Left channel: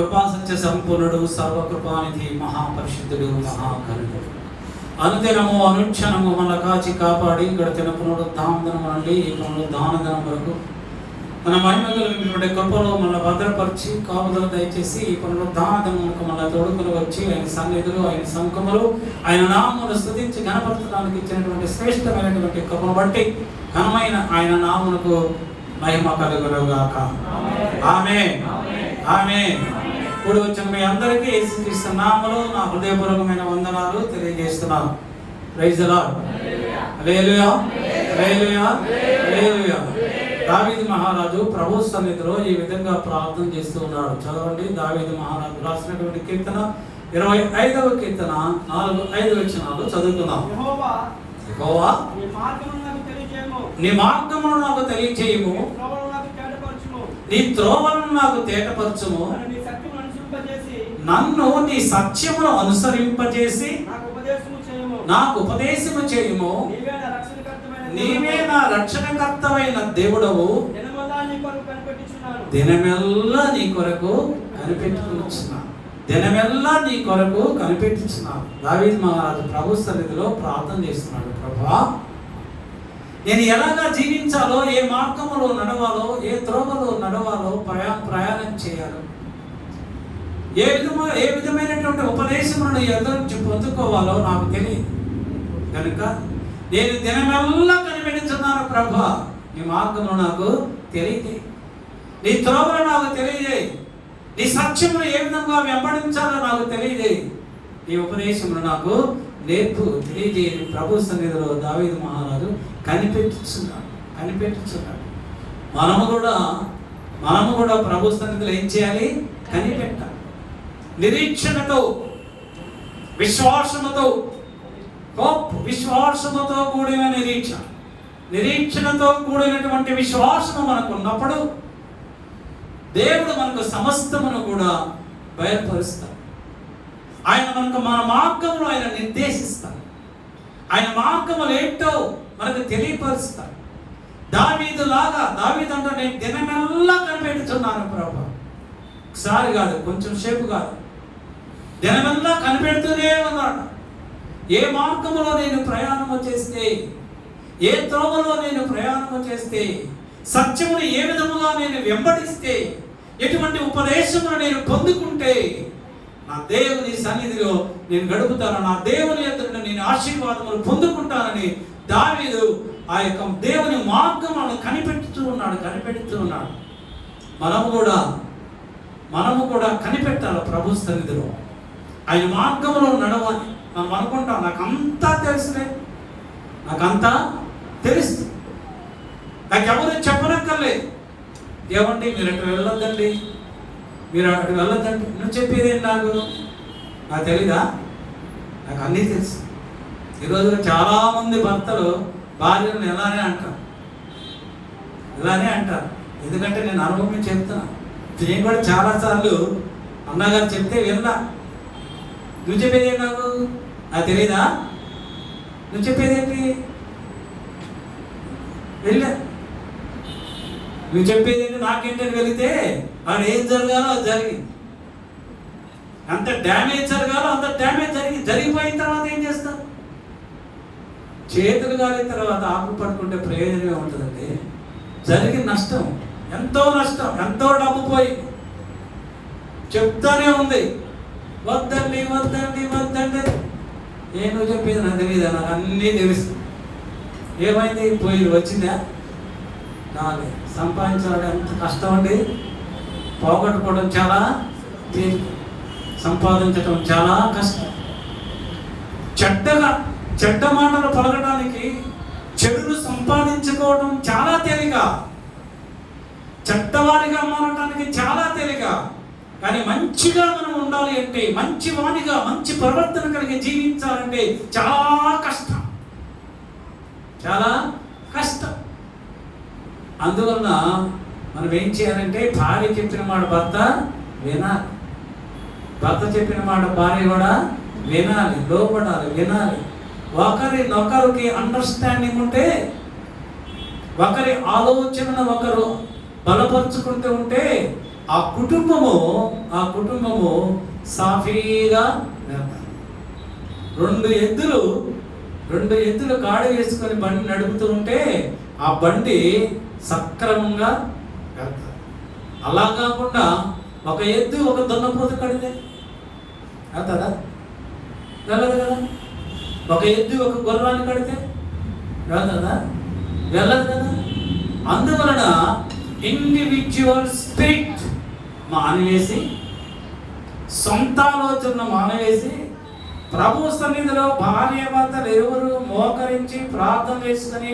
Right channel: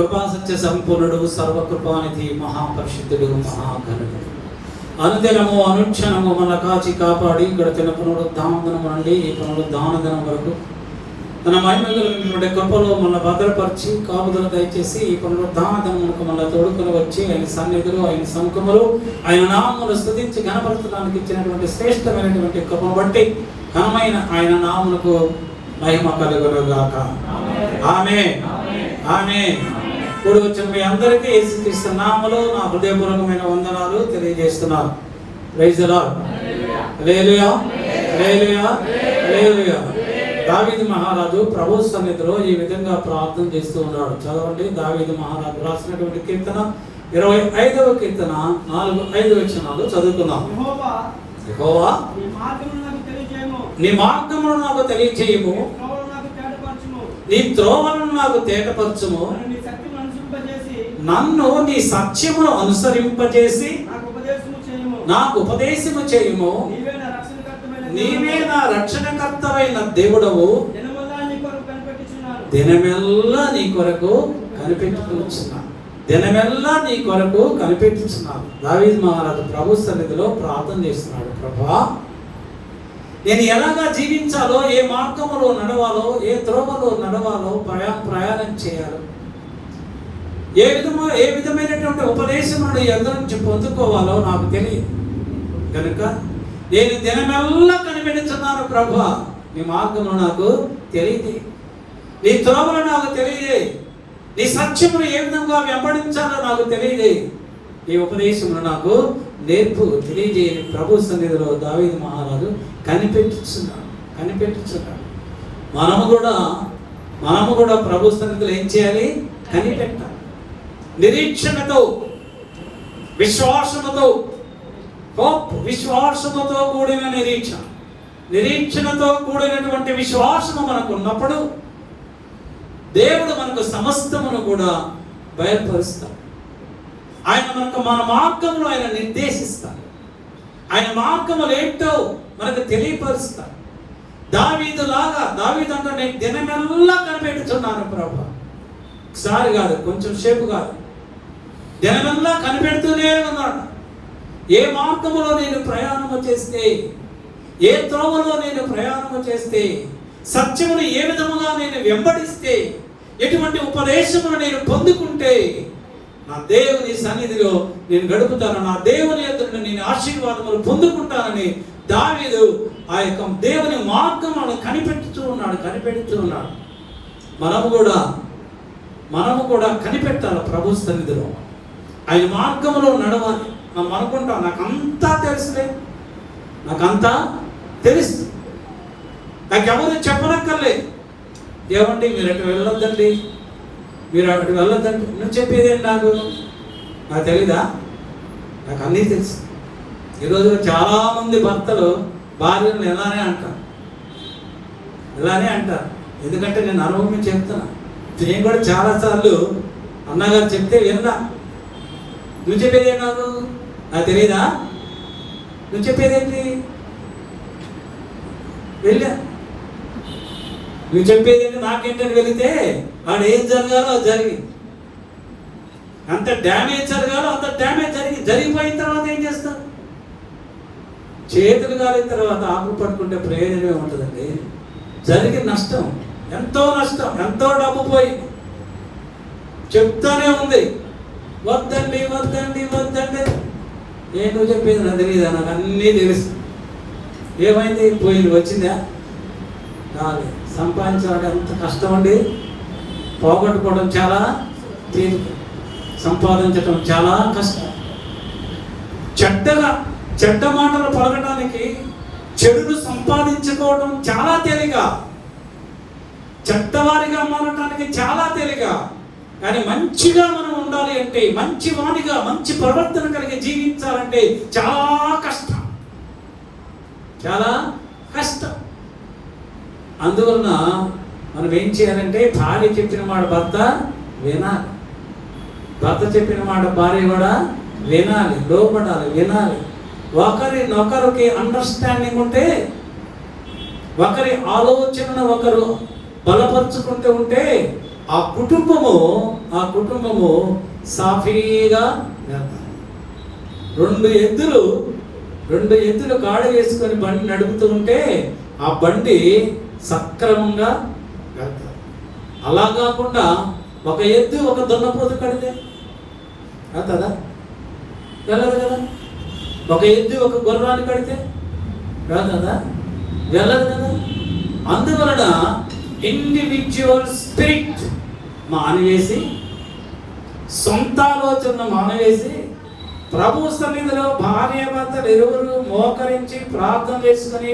కృపా సత్య సంపూర్ణుడు, సర్వకృపానిధి, మహాపరిశుద్ధుడు, మహాకరుణుడు, అనుదినము అనుక్షణము మన కాచి కాపాడి గడిచిన పునరుద్ధానం నుండి ఈ పునరుద్ధానం వరకు తన మహిమ కలిగినటువంటి కృపలో మన భద్రపరిచి కాపుదల దయచేసి ఈ పునరుద్ధానములకు మన తోడుకుని వచ్చి ఆయన సన్నిధులు, ఆయన సంకములు, ఆయన నామములు స్తుతించి గణపరచడానికి ఇచ్చినటువంటి శ్రేష్టమైనటువంటి కృపను బట్టి ఘనమైన ఆయన నామమునకు మహిమ కలుగునుగాక. ఆమేన్, ఆమేన్. కూడి వచ్చిన మీ అందరికీ యేసుక్రీస్తు నామములో నా హృదయపూర్వకమైన వందనాలు తెలియజేస్తున్నాను. Praise the lord. Hallelujah, hallelujah, hallelujah. దావీదు మహారాజు ప్రభు సన్నిధిలో ఈ విధంగా ప్రార్థన చేస్తూ ఉన్నాడు. చదవండి. దావీదు మహారాజు రాసినటువంటి కీర్తన 25వ కీర్తన 4-5 వచనాలు చదువుకుందాం. యెహోవా నీ మార్గమును నాకు తెలియజేయము, నీ త్రోవలను నాకు తేటపరచుము, నన్ను నీ సత్యమును అనుసరింపజేసి నాకు ఉపదేశము చేయుము. నీవే నా రక్షణకర్తవైన దేవుడవు, దినమెల్లా నీ కొరకు కనిపెట్టుకున్నాను, దినమెల్లా నీ కొరకు కనిపెట్టుచున్నాను. దావీదు మహారాజు ప్రభు సన్నిధిలో ప్రార్థన చేస్తున్నాడు. ప్రభువా, నేను ఎలాగా జీవించాలో, ఏ మార్గములో నడవాలో, ఏ త్రోవలో నడవాలో, ప్రయాణం చేయాలో, ఏ విధమైనటువంటి ఉపదేశములను ఎదురు నుంచి పొందుకోవాలో నాకు తెలియదు కనుక నేను దినమెల్లా కనిపెడుతున్నాను. ప్రభువా, నీ మార్గము నాకు తెలియదు, నీ త్రోవలు నాకు తెలియదు, నీ సత్యమును ఏ విధంగా వెంబడించాలో నాకు తెలియదు. ఈ ఉపదేశమును నాకు నేర్పు తెలియజేయని ప్రభు సన్నిధిలో దావీదు మహారాజు కనిపెట్టుచున్నాడు. మనము కూడా ప్రభు సన్నిధిలో ఏం చేయాలి? కనిపెట్టాలి. నిరీక్షణతో, విశ్వాసముతో, విశ్వాసముతో కూడిన నిరీక్షణతో కూడినటువంటి విశ్వాసము మనకు ఉన్నప్పుడు దేవుడు మనకు సమస్తమును కూడా బయలుపరుస్తాడు. ఆయన మనకు మన మార్గమును ఆయన నిర్దేశిస్తాడు. ఆయన మార్గములు ఏంటో మనకు తెలియపరుస్తాడు. దావీదు అంటే నేను దినమెల్లా కనిపెడుతున్నాను ప్రభు. ఒకసారి కాదు, కొంచెం సేపు కాదు, దినమెల్లా కనిపెడుతూనే ఉన్నాడు. ఏ మార్గములో నేను ప్రయాణము చేస్తే, ఏ త్రోవలో నేను ప్రయాణము చేస్తే, సత్యమును ఏ విధముగా నేను వెంబడిస్తే, ఎటువంటి ఉపదేశమును నేను పొందుకుంటే నా దేవుని సన్నిధిలో నేను గడుపుతాను, నా దేవుని యొక్క నేను ఆశీర్వాదములు పొందుకుంటానని దావీదు ఆ యొక్క దేవుని మార్గములను కనిపెడుతూ ఉన్నాడు. మనము కూడా కనిపెట్టాలి ప్రభు సన్నిధిలో. ఆయన మార్గంలో నడవాలి. మనం అనుకుంటాం నాకంతా తెలుసు, నాకెవరు చెప్పనక్కర్లేదు. ఏమండి మీరు అటు వెళ్ళొద్దండి, నువ్వు చెప్పేదేంటి? నాకు తెలీదా? నాకు అన్నీ తెలుసు. ఈరోజు చాలా మంది భర్తలు భార్యను ఇలానే అంటారు. ఎందుకంటే నేను అనుభవం చెప్తున్నా. నేను కూడా చాలాసార్లు అన్నగారు చెప్తే విన్నా. నువ్వు చెప్పేదే నాకు తెలీదా? నువ్వు చెప్పేదేంటి? వెళ్ళా. నువ్వు చెప్పేదేంటి నాకేంటని వెళితే వాడు ఏం జరగాలో అది జరిగింది. అంత డ్యామేజ్ జరగాలో అంత డ్యామేజ్ జరిగిపోయిన తర్వాత ఏం చేస్తారు? చేతులు కాలిన తర్వాత ఆకు పట్టుకుంటే ప్రయోజనమే ఉంటుందండి. జరిగిన నష్టం, ఎంతో డబ్బు పోయి చెప్తానే ఉంది, వద్దండి. నువ్వు చెప్పేది నాకు తెలియదా? నాకు అన్నీ తెలుసు. ఏమైంది? పోయింది, వచ్చిందా? కాలేదు. సంపాదించడం ఎంత కష్టం అండి. పోగొట్టుకోవడం చాలా తేలిక, సంపాదించడం చాలా కష్టం. చెడ్డ మాటలు పలకడానికి, చెడును సంపాదించుకోవడం చాలా తేలిక, చెడ్డవారిగా మారడానికి చాలా తేలిక. కానీ మంచిగా మనం ఉండాలి అంటే, మంచి వాడిగా మంచి ప్రవర్తన కలిగి జీవించాలంటే చాలా కష్టం. అందువలన మనం ఏం చేయాలంటే, భార్య చెప్పిన మాట భర్త వినాలి, భర్త చెప్పిన మాట భార్య కూడా వినాలి, లోపడాలి, వినాలి. ఒకరికి అండర్స్టాండింగ్ ఉంటే, ఒకరి ఆలోచనను ఒకరు బలపరుచుకుంటూ ఉంటే ఆ కుటుంబము సాఫీగా వెళ్తారు. రెండు ఎద్దులు కాడ వేసుకొని బండి నడుపుతుంటే ఆ బండి సక్రమంగా వెళ్తారు. అలా కాకుండా ఒక ఎద్దు ఒక దున్నపోతు కడితే వెళ్తారా? వెళ్ళదు కదా. ఒక ఎద్దు ఒక గుర్రాన్ని కడితే వెళ్తుందా? వెళ్ళదు కదా. అందువలన ఇండివిజువల్ స్పిరిట్ మానివేసి, సొంత ఆలోచన మానివేసి, ప్రభు సన్నిధిలో భార్య భర్తలు ఎవరు మోకరించి ప్రార్థన చేసుకుని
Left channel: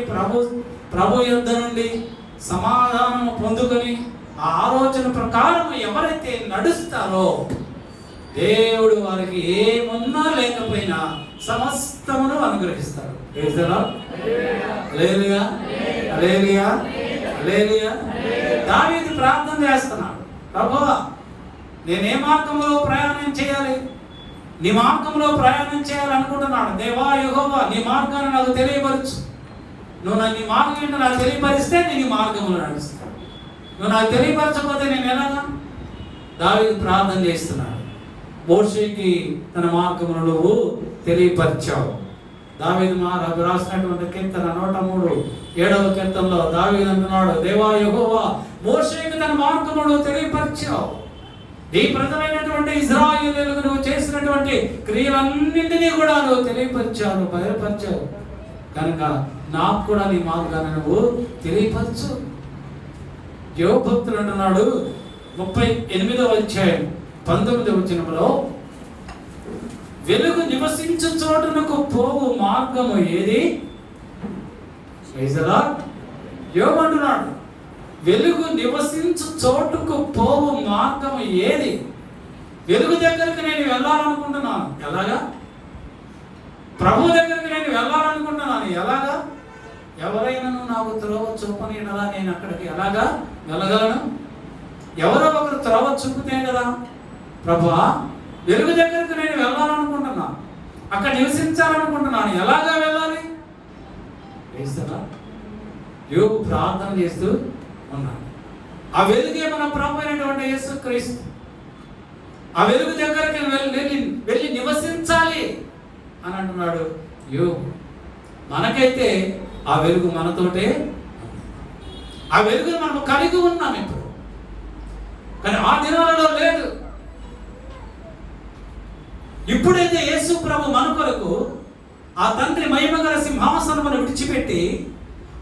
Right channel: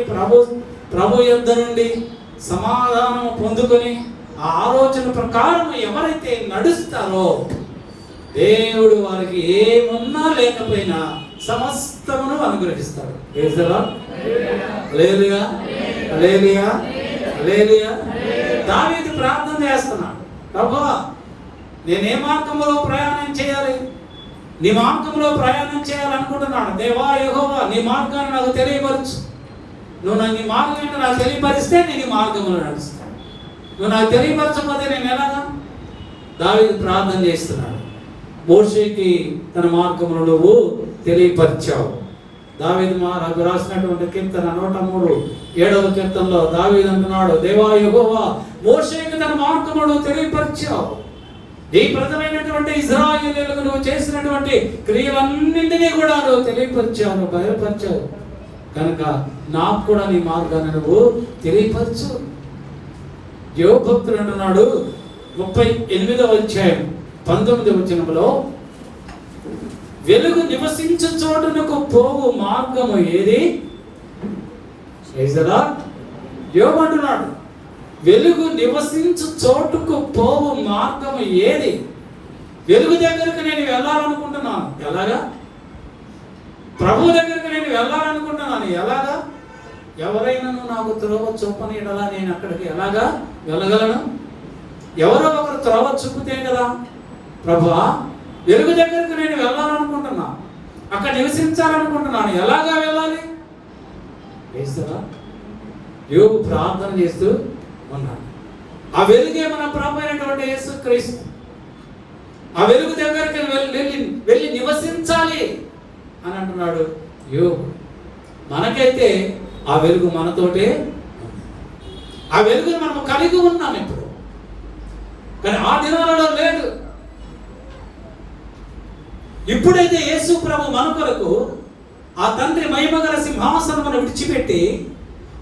ప్రభు యుద్ధ నుండి సమాధానం పొందుకొని ఆ ఆలోచన ప్రకారం ఎవరైతే నడుస్తారో దేవుడు వారికి ఏమున్నా లేకపోయినా సమస్తమును అనుగ్రహిస్తాడు. దావీదు ప్రార్థన చేస్తున్నాడు, ప్రభువా నేనే మార్గంలో ప్రయాణం చేయాలి, నీ మార్గంలో ప్రయాణం చేయాలనుకుంటున్నాను. దేవా యెహోవా నీ మార్గాన్ని నాకు తెలియపరచు. నువ్వు నీ మార్గం ఏంటో నాకు తెలియపరిస్తే నేను ఈ మార్గంలో నడుస్తాను. నువ్వు నాకు తెలియపరచకపోతే నేను ఎలాగా? దావీదు ప్రార్థన చేస్తున్నాడు. మోషేకి తన మార్గమును నువ్వు తెలియపరిచావు. దావీదు మహారాజు రాసినటువంటి కీర్తన 103 కీర్తనలో దావీదు అంటున్నాడు, దేవా యెహోవా మోషేకి తన మార్గమును తెలియపరిచావు. ఈ ప్రజలైనటువంటి ఇశ్రాయేలీయులకు నువ్వు చేసినటువంటి క్రియలన్నింటినీ కూడా నువ్వు తెలియపరిచావు, బయలుపరిచావు. కనుక నాకు కూడా నీ మార్గాన్ని నువ్వు తెలియపరచు. యోబు భక్తుడు అంటున్నాడు 38వ అధ్యాయం 19వ వచనంలో, వెలుగు నివసించు చోటునకు పోవు మార్గము ఏది? యోబు అంటున్నాడు, వెలుగు నివసించు చోటుకు పోవు మార్గము ఏది? వెలుగు దగ్గరికి నేను వెళ్ళాలనుకుంటున్నాను, ఎలాగా? ప్రభు దగ్గరికి నేను వెళ్ళాలనుకుంటున్నాను, ఎలాగా? ఎవరైనా నాకు త్రోవ చూపనీడలా నేను అక్కడికి ఎలాగా వెళ్ళగలను? ఎవరో ఒకరు త్రోవ చూపితే కదా. ప్రభువా వెలుగు దగ్గరికి నేను వెళ్ళాలనుకుంటున్నాను, అక్కడ నివసించాలనుకుంటున్నాను, ఎలాగా వెళ్ళాలి? యోబు ప్రార్థన చేస్తూ ఉన్నాడు. ఆ వెలుగే మన ప్రభు అయినటువంటి యేసుక్రీస్తు. ఆ వెలుగు దగ్గరికి వెళ్ళి నివసించాలి అని అంటున్నాడు యోబు. మనకైతే ఆ వెలుగు మనతోటే, ఆ వెలుగును మనం కలిగి ఉన్నాం ఇప్పుడు, కానీ ఆ దినాలలో లేదు. ఇప్పుడైతే యేసు ప్రభు మన కొరకు ఆ తండ్రి మహిమగల సింహాసనమును విడిచిపెట్టి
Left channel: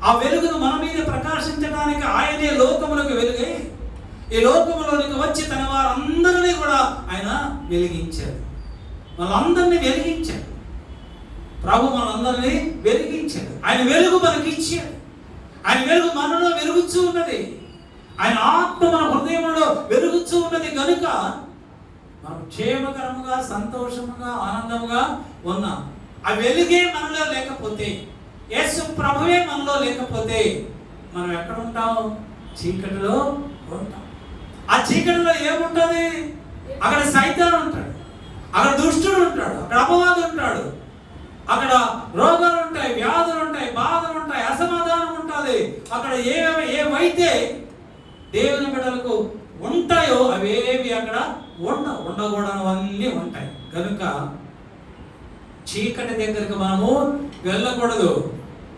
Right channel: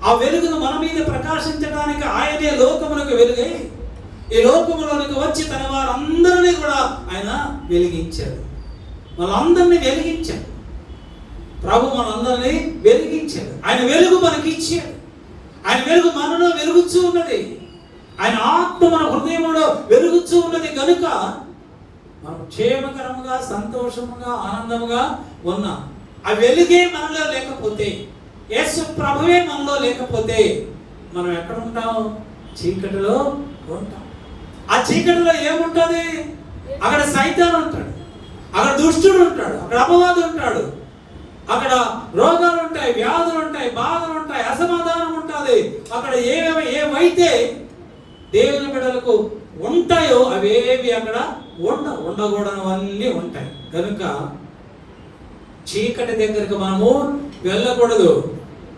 ఆ వెలుగును మన మీద ప్రకాశించడానికి ఆయనే లోకములకు వెలుగై ఈ లోకములోనికి వచ్చి తన వారందరినీ కూడా ఆయన వెలిగించాడు. మనందరినీ వెలిగించాడు ప్రభు, మనందరినీ వెలిగించాడు. ఆయన వెలుగు మనకి ఇచ్చాడు. ఆయన వెలుగు మనలో వెలుగుచూ ఉన్నది. ఆయన ఆత్మ మన హృదయంలో వెలుగుచూ ఉన్నది. కనుక మనం క్షేమకరంగా, సంతోషముగా, ఆనందముగా ఉన్నాం. ఆ వెలుగే మనలో లేకపోతే, యేసు ప్రభువే మనలో లేకపోతే మనం ఎక్కడ ఉంటాం? చీకటిలో ఉంటాం. ఆ చీకటిలో ఏముంటుంది? అక్కడ సైతాను ఉంటాడు, అక్కడ దుష్టుడు ఉంటాడు, అక్కడ అపవాది ఉంటాడు, అక్కడ రోగాలు ఉంటాయి, వ్యాధులు ఉంటాయి, బాధలు ఉంటాయి, అసమాధానం ఉంటుంది. అక్కడ ఏవైతే దేవుని బిడ్డలకు ఉంటాయో అవేవి అక్కడ ఉండకూడనివన్నీ ఉంటాయి. కనుక చీకటి దగ్గరకు మనము వెళ్ళకూడదు.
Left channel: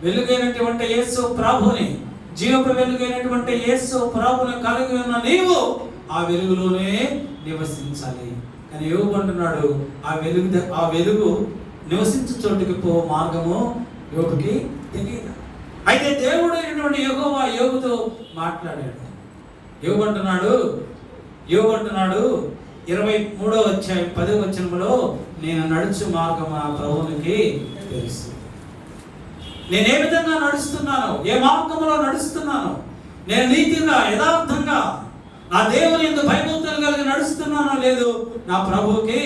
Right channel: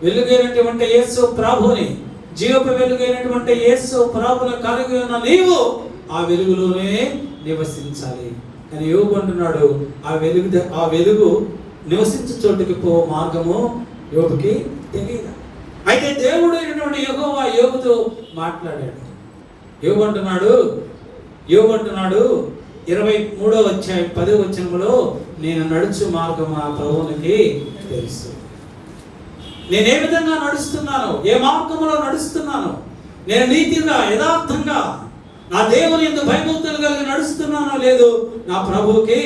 వెలుగైనటువంటి యేసు ప్రభుని, జీవపు వెలుగైనటువంటి యేసు ప్రభుని కలిగి ఉన్న నీవు ఆ వెలుగులోనే నివసించాలి. కానీ యోబు అంటున్నాడు, ఆ వెలుగు నివసించే చోటుకి పో మార్గము యోబుకి తెలియదు. అయితే దేవుడు అయినటువంటి యెహోవా యోబుతో మాట్లాడాడు. యోబు అంటున్నాడు 23వ అధ్యాయం 10వ వచనంలో, నేను నడుచు మార్గం ఆ ప్రభువునికి తెలుసు. నేను ఏ విధంగా నడుస్తున్నాను, ఏ మార్గంలో నడుస్తున్నాను, నేను నీతిగా యథార్థంగా నా దేవుని యందు భయభక్తులు కలిగి నడుస్తున్నానో లేదు నా ప్రభువుకి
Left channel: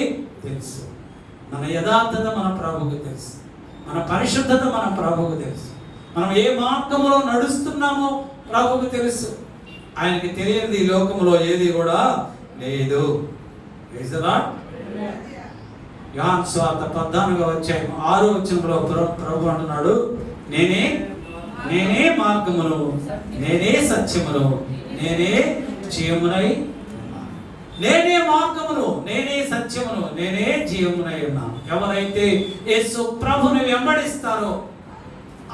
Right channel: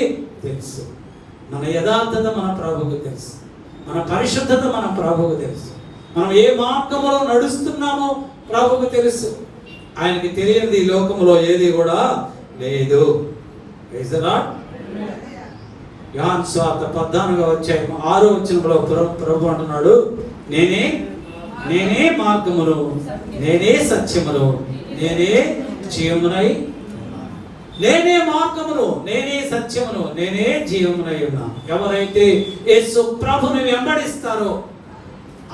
తెలుసు. మన యథార్థత మన ప్రభువుకి తెలుసు, మన పరిశుద్ధత మన ప్రభువుకి తెలుసు. మనం ఏ మార్గంలో నడుస్తున్నామో ప్రభువుకి తెలుసు. ఆయనకి తెలియనిది ఈ లోకంలో ఏది కూడా లేదు. యోహాను సువార్త 14వ అధ్యాయం 6వ వచనంలో ప్రభు అంటున్నాడు, నేనే మార్గమును, నేనే సత్యమును, నేనే జీవమునై నేనే మార్గమును, నేనే సత్యమును, నేనే జీవమునై ఉన్నాను. ఎవరైతే యేసు ప్రభుని వెంబడిస్తారో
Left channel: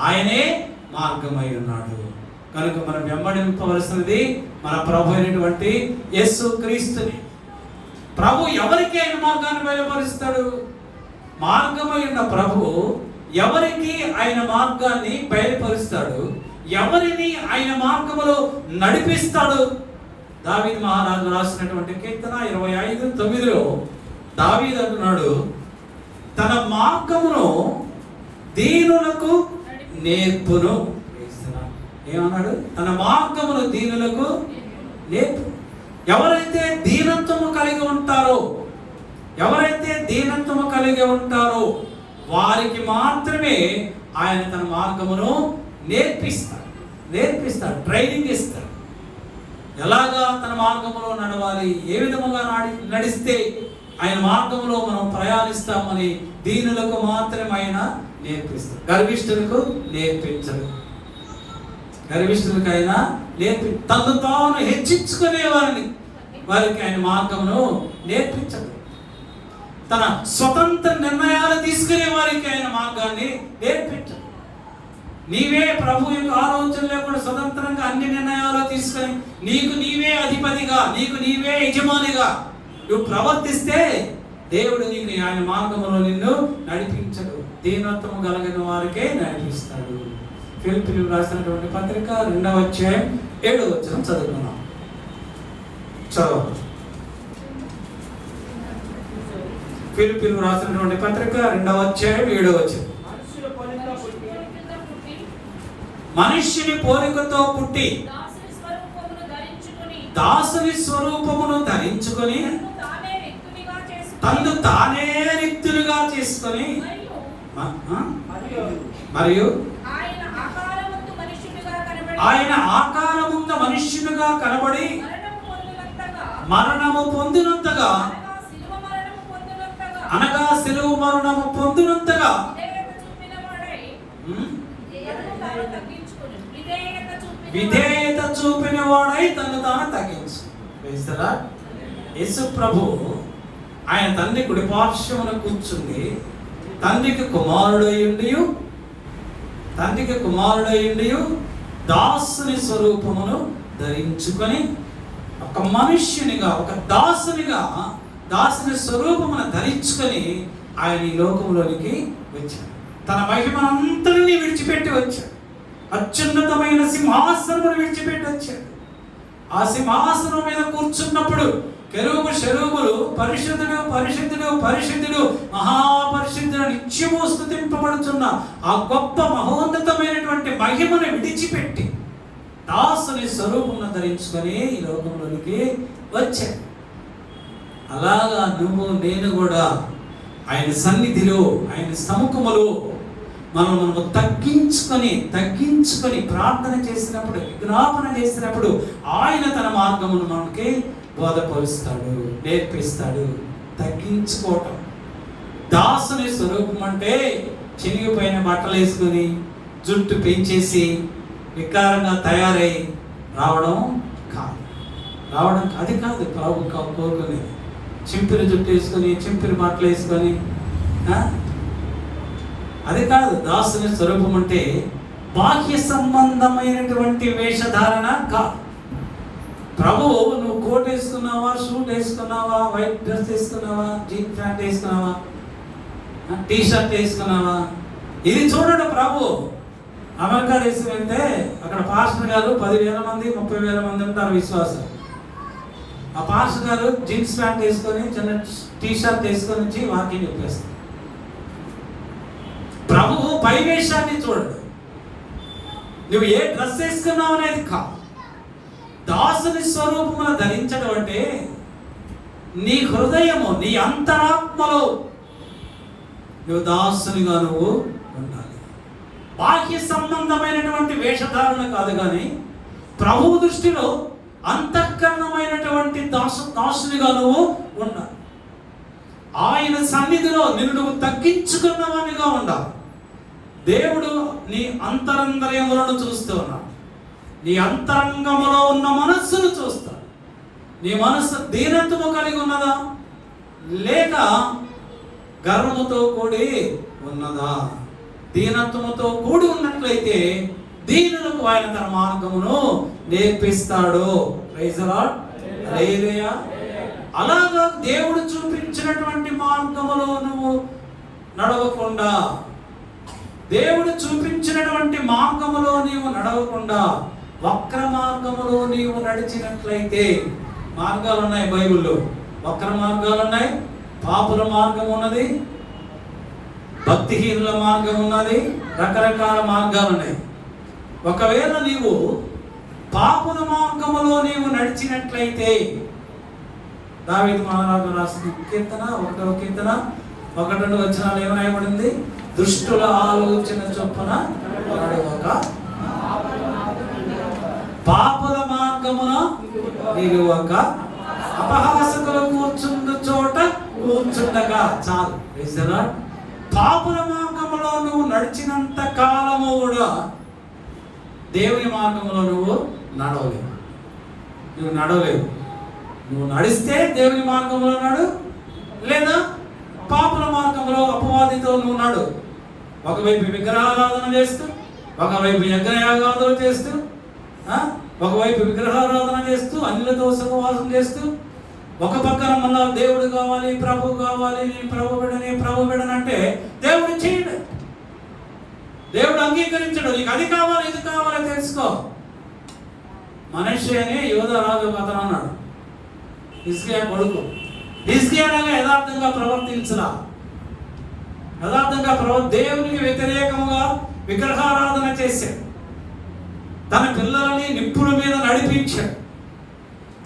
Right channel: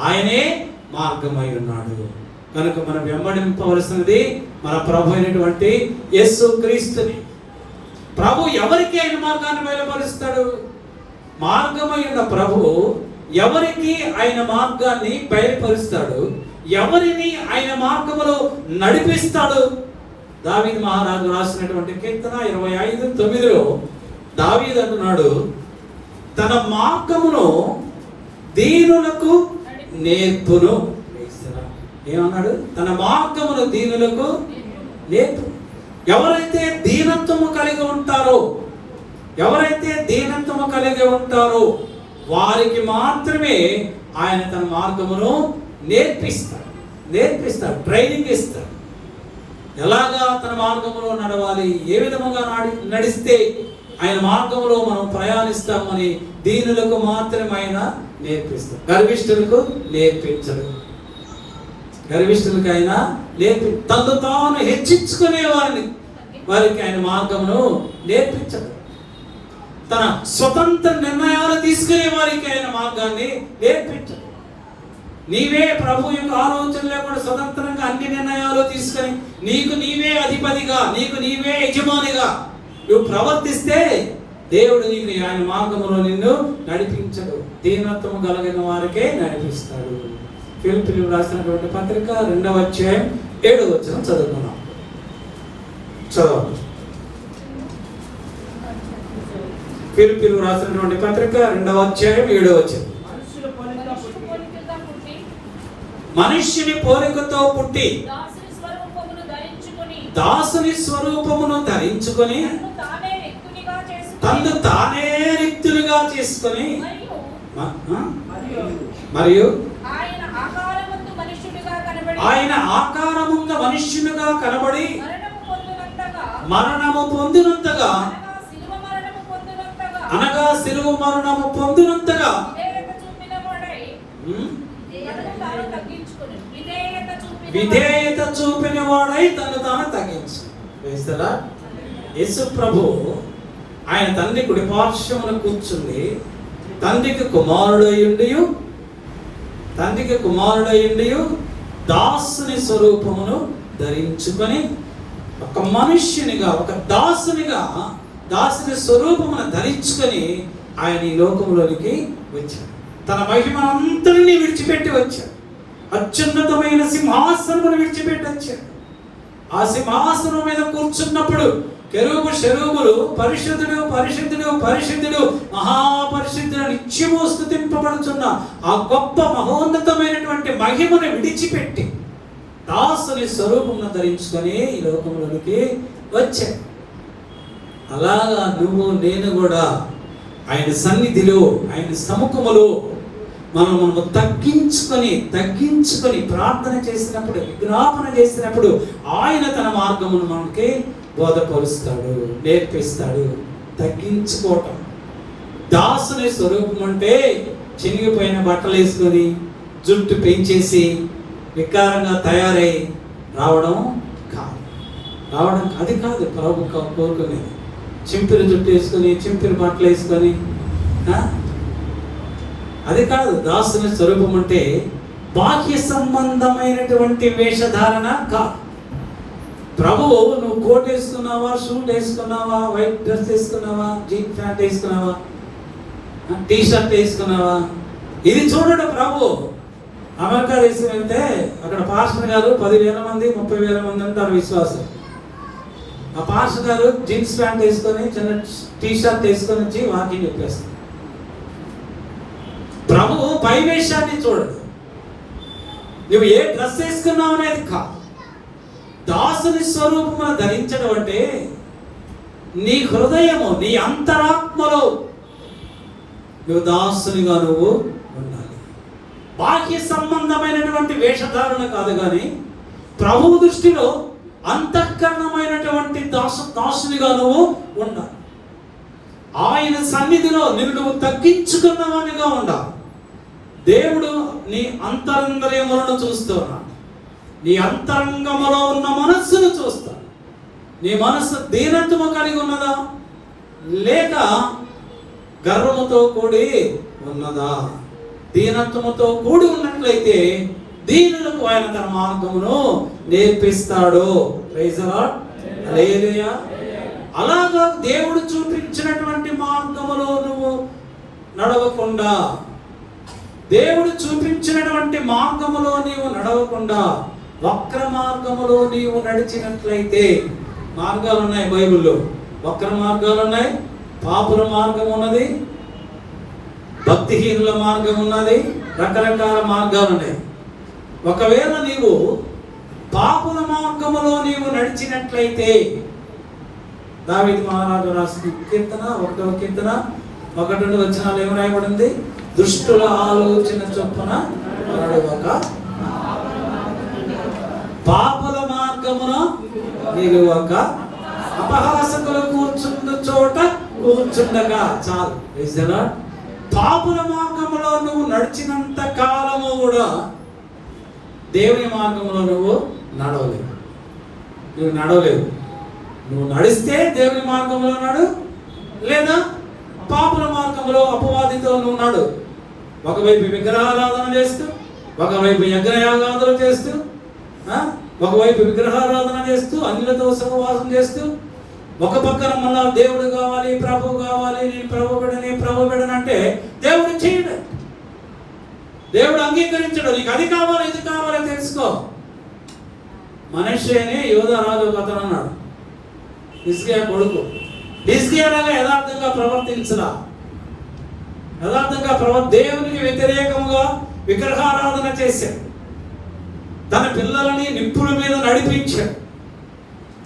ఆయనే మార్గమై ఉన్నాడు. కనుక మనం వెంబడింపవలసినది మన ప్రభు అయినటువంటి యేసు క్రీస్తుని. ప్రభు ఎవరికి ఆయన మార్గాన్ని బయలుపరుస్తాడు? మార్గమై ఉన్న ప్రభు ఎవరికి ఆయన మార్గాన్ని బయలుపరుస్తాడు? ఎవరిని ఆయన మార్గములో నడిపిస్తాడు? దావీదు మహారాజు రాసినటువంటి కీర్తన 25:9 దావీదు అంటున్నాడు, తన మార్గమును దీనులకు నేర్పును. ఏమన్నాడు? తన మార్గమును దీనులకు నేర్పు. ఎవరైతే దీనత్వము కలిగి ఉంటారో, ఎవరైతే దీనత్వము కలిగి ఉంటారో వారికి మాత్రమే ఆయన తన మార్గమును నేర్పిస్తాడు, ట్రైనింగ్ ఇస్తాడు. ఎలాగా తన మార్గంలో నడవాలి, ఏ విధముగా నడిస్తే ఆయన మార్గంలో మనం ప్రయాణిస్తామని దీనులకు మాత్రమే ఆయన నేర్పిస్తాడు. గర్విష్ఠులకు నేర్పించడు. గర్విష్ఠులకు ఆయన తను తాను హెచ్చించుకునే వారికి ఆయన మార్గమును నేర్పించడు. తన స్వతంత్ర నిర్ణయాలు తీసుకునే వారికి ఆయన మార్గాన్ని నేర్పించడు. నీవే ప్రభు యొక్క ఆలోచన లేకుండా స్వతంత్రంగా అన్ని నిర్ణయాలు తీసుకొని నీకు నీవే అధిపతిగా, నీకు నీవే యజమానిగా నువ్వు ప్రవర్తిస్తే దేవుడు నీకు ఆయన మార్గంలో నిన్ను నడిపించడు. దీనత్వము కలిగిన వారికే నడిపిస్తాడు. ఫిలిప్పీయులకు రాసినటువంటి పత్రిక 2వ అధ్యాయం 7వ వచనం చదువుకున్నాం. చదవండి. ఫిలిప్పీయులకు రాసినటువంటి పత్రిక 2వ అధ్యాయం 7వ వచనం. మనుష్యుని పోలికతో పుట్టి దాసుని స్వరూపమును ధరించుకొని తను తానే రిక్తులుగా చేసుకొని మరియు ఆయన ఆకారమున్న మనుష్యునిగా కనబడి మరణము పొందినంతగా, అనగా శిలువ మరణము పొందినంతగా విధేయత చూపిన వాడై తను తాను తగ్గించుకున్నాడు. యేసు ప్రభు ఆయన తండ్రి కుడిపార్శ్వమున కూర్చుండి తండ్రికి కుమారుడయ్యుండి దాసుని స్వరూపమును ధరించుకొని ఒక మనుష్యునిగా, ఒక దాసునిగా దాసుని స్వరూపమును ధరించుకొని ఆయన ఈ లోకంలోనికి వచ్చాడు. తన మహిమనంతరినీ విడిచిపెట్టి వచ్చాడు. అత్యున్నతమైన సింహాసనమును విడిచిపెట్టి వచ్చాడు. ఆ సింహాసనం మీద కూర్చున్నప్పుడు కెరూబు శరూబులు పరిశుద్ధుడు పరిశుద్ధుడు పరిశుద్ధుడు మహాపరిశుద్ధుడు నిత్యము స్తుతింపబడుచున్న ఆ గొప్ప మహోన్నతమైనటువంటి మహిమను విడిచిపెట్టి దాసుని స్వరూపమును ధరించుకొని ఈ లోకంలోనికి వచ్చాడు. అలాగా నువ్వు నేను కూడా ఆయన సన్నిధిలో, ఆయన సముఖములో మనము తగ్గించుకొని ప్రార్థన చేసినప్పుడు, విజ్ఞాపన చేసినప్పుడు ఆయన తన మార్గమును మనకి బోధపరుస్తాడు, నేర్పిస్తాడు. తగ్గించుకోవటం. దాసుని స్వరూపం అంటే చినిగిపోయిన బట్టలు వేసుకొని జుట్టు పెంచేసి వికారంగా తయారై రావడం అది కాదు ప్రభు కోరుకునేది. చింపిరి జుట్టు వేసుకొని చింపిరి బట్టలు వేసుకొని అది కాదు. దాసుని స్వరూపం అంటే బాహ్య సంబంధమైనటువంటి వేషధారణ కాదు. ప్రభువు నువ్వు కోట్ వేసుకున్నావా, షూట్ వేసుకున్నావా, వైట్ డ్రెస్ వేసుకున్నావా, జీన్ ప్యాంట్ వేసుకున్నావా, టీ షర్ట్ వేసుకున్నావా, ఇది చూడండి. ప్రభు అమెరికా దేశం అయితే అక్కడ పాస్టర్ గారు 10,000 మంది 30,000 మంది ఉంటారు విశ్వాసం. ఆ పాస్టర్ గారు జీన్స్ ప్యాంట్ వేసుకొని చిన్న టీ షర్ట్ వేసుకొని వచ్చి వాకింగ్ చెప్పేస్తారు. ప్రభువు పై వేషాన్ని చూడడు. నువ్వు ఏ డ్రెస్ వేసుకున్నావు అనేది కాదు. దాసుని స్వరూపమును ధరించడం అంటే నీ హృదయము, నీ అంతరాత్మలో నువ్వు దాసునిగా నువ్వు ఉండాలి. బాహ్య సంబంధమైనటువంటి వేషధారణ కాదు, కానీ ప్రభువు దృష్టిలో అంతఃకరణమైనటువంటి దాసునిగా నువ్వు ఉండాలి. ఆయన సన్నిధిలో నిన్ను తగ్గించుకున్నవానిగా ఉండాలి. దేవుడు నీ అంతరంగములను చూస్తున్నాడు. నీ అంతరంగములో ఉన్న మనస్సును చూస్తాడు. నీ మనస్సు దీనత్వము కలిగి ఉన్నదా, లేక గర్వముతో కూడి ఉన్నదా? దీనత్వముతో కూడి ఉన్నట్లయితే దీనులకు ఆయన తన మార్గమును నేర్పిస్తాడు. Praise the lord. హల్లెలూయా. అలాగా దేవుడు చూపించినటువంటి మార్గములో నువ్వు నడవకుండా, దేవుడు చూపించినటువంటి మార్గములో నీవు నడవకుండా వక్ర మార్గములో నీవు నడిచినట్లయితే, మార్గాలు ఉన్నాయి బైబిల్లో, వక్ర మార్గాలు ఉన్నాయి, పాపుల మార్గం ఉన్నది, భక్తిహీనుల మార్గం ఉన్నది, రకరకాల మార్గాలు ఉన్నాయి. ఒకవేళ నీవు పాపుల మార్గములో నీవు నడిచినట్లయితే, దావీదు మహారాజు రాసిన కీర్తన 1వ కీర్తన 1-2 వచనాలు ఏమి రాయబడింది? దుష్టుల ఆలోచన చొప్పున నడవక, పాపుల మార్గమున నిలువక, అపహాసకులు కూర్చున్న చోట కూర్చుండగా. చాలు. పాపుల మార్గములో నువ్వు నడిచినంత కాలము కూడా దేవుని మార్గంలో నువ్వు నడవలేవు. నువ్వు నడిస్తే దేవుని మార్గంలో నడు, లేదా పాపుల మార్గంలో అపవాదితో నువ్వు నడు. ఒకవైపు విగ్రహారాధన చేస్తూ, ఒకవైపు యజ్ఞయాగాదులు చేస్తూ, ఒకవైపు విగ్రహారాధన చేస్తూ, అన్యులతో సహవాసం చేస్తూ, ఒక పక్కన మళ్ళా దేవుడు కావాలి, ప్రభు కావాలి, నేను ప్రభు బిడనంటే దేవుడు చేయడు, దేవుడు అంగీకరించడు. నీకు అది కావాలి, ఇది కావాలని తెలుసుకో. మనుష్యనే యోధరాజు కథను అన్నాడు. హిజ్కియా కొడుకు. హిజ్కియాలాగా యథార్థంగా ప్రవర్తించరా, దేవునికి వ్యతిరేకంగా విగ్రహారాధన చేశాడు, తన పిల్లలని నిప్పుల మీద నడిపించాడు,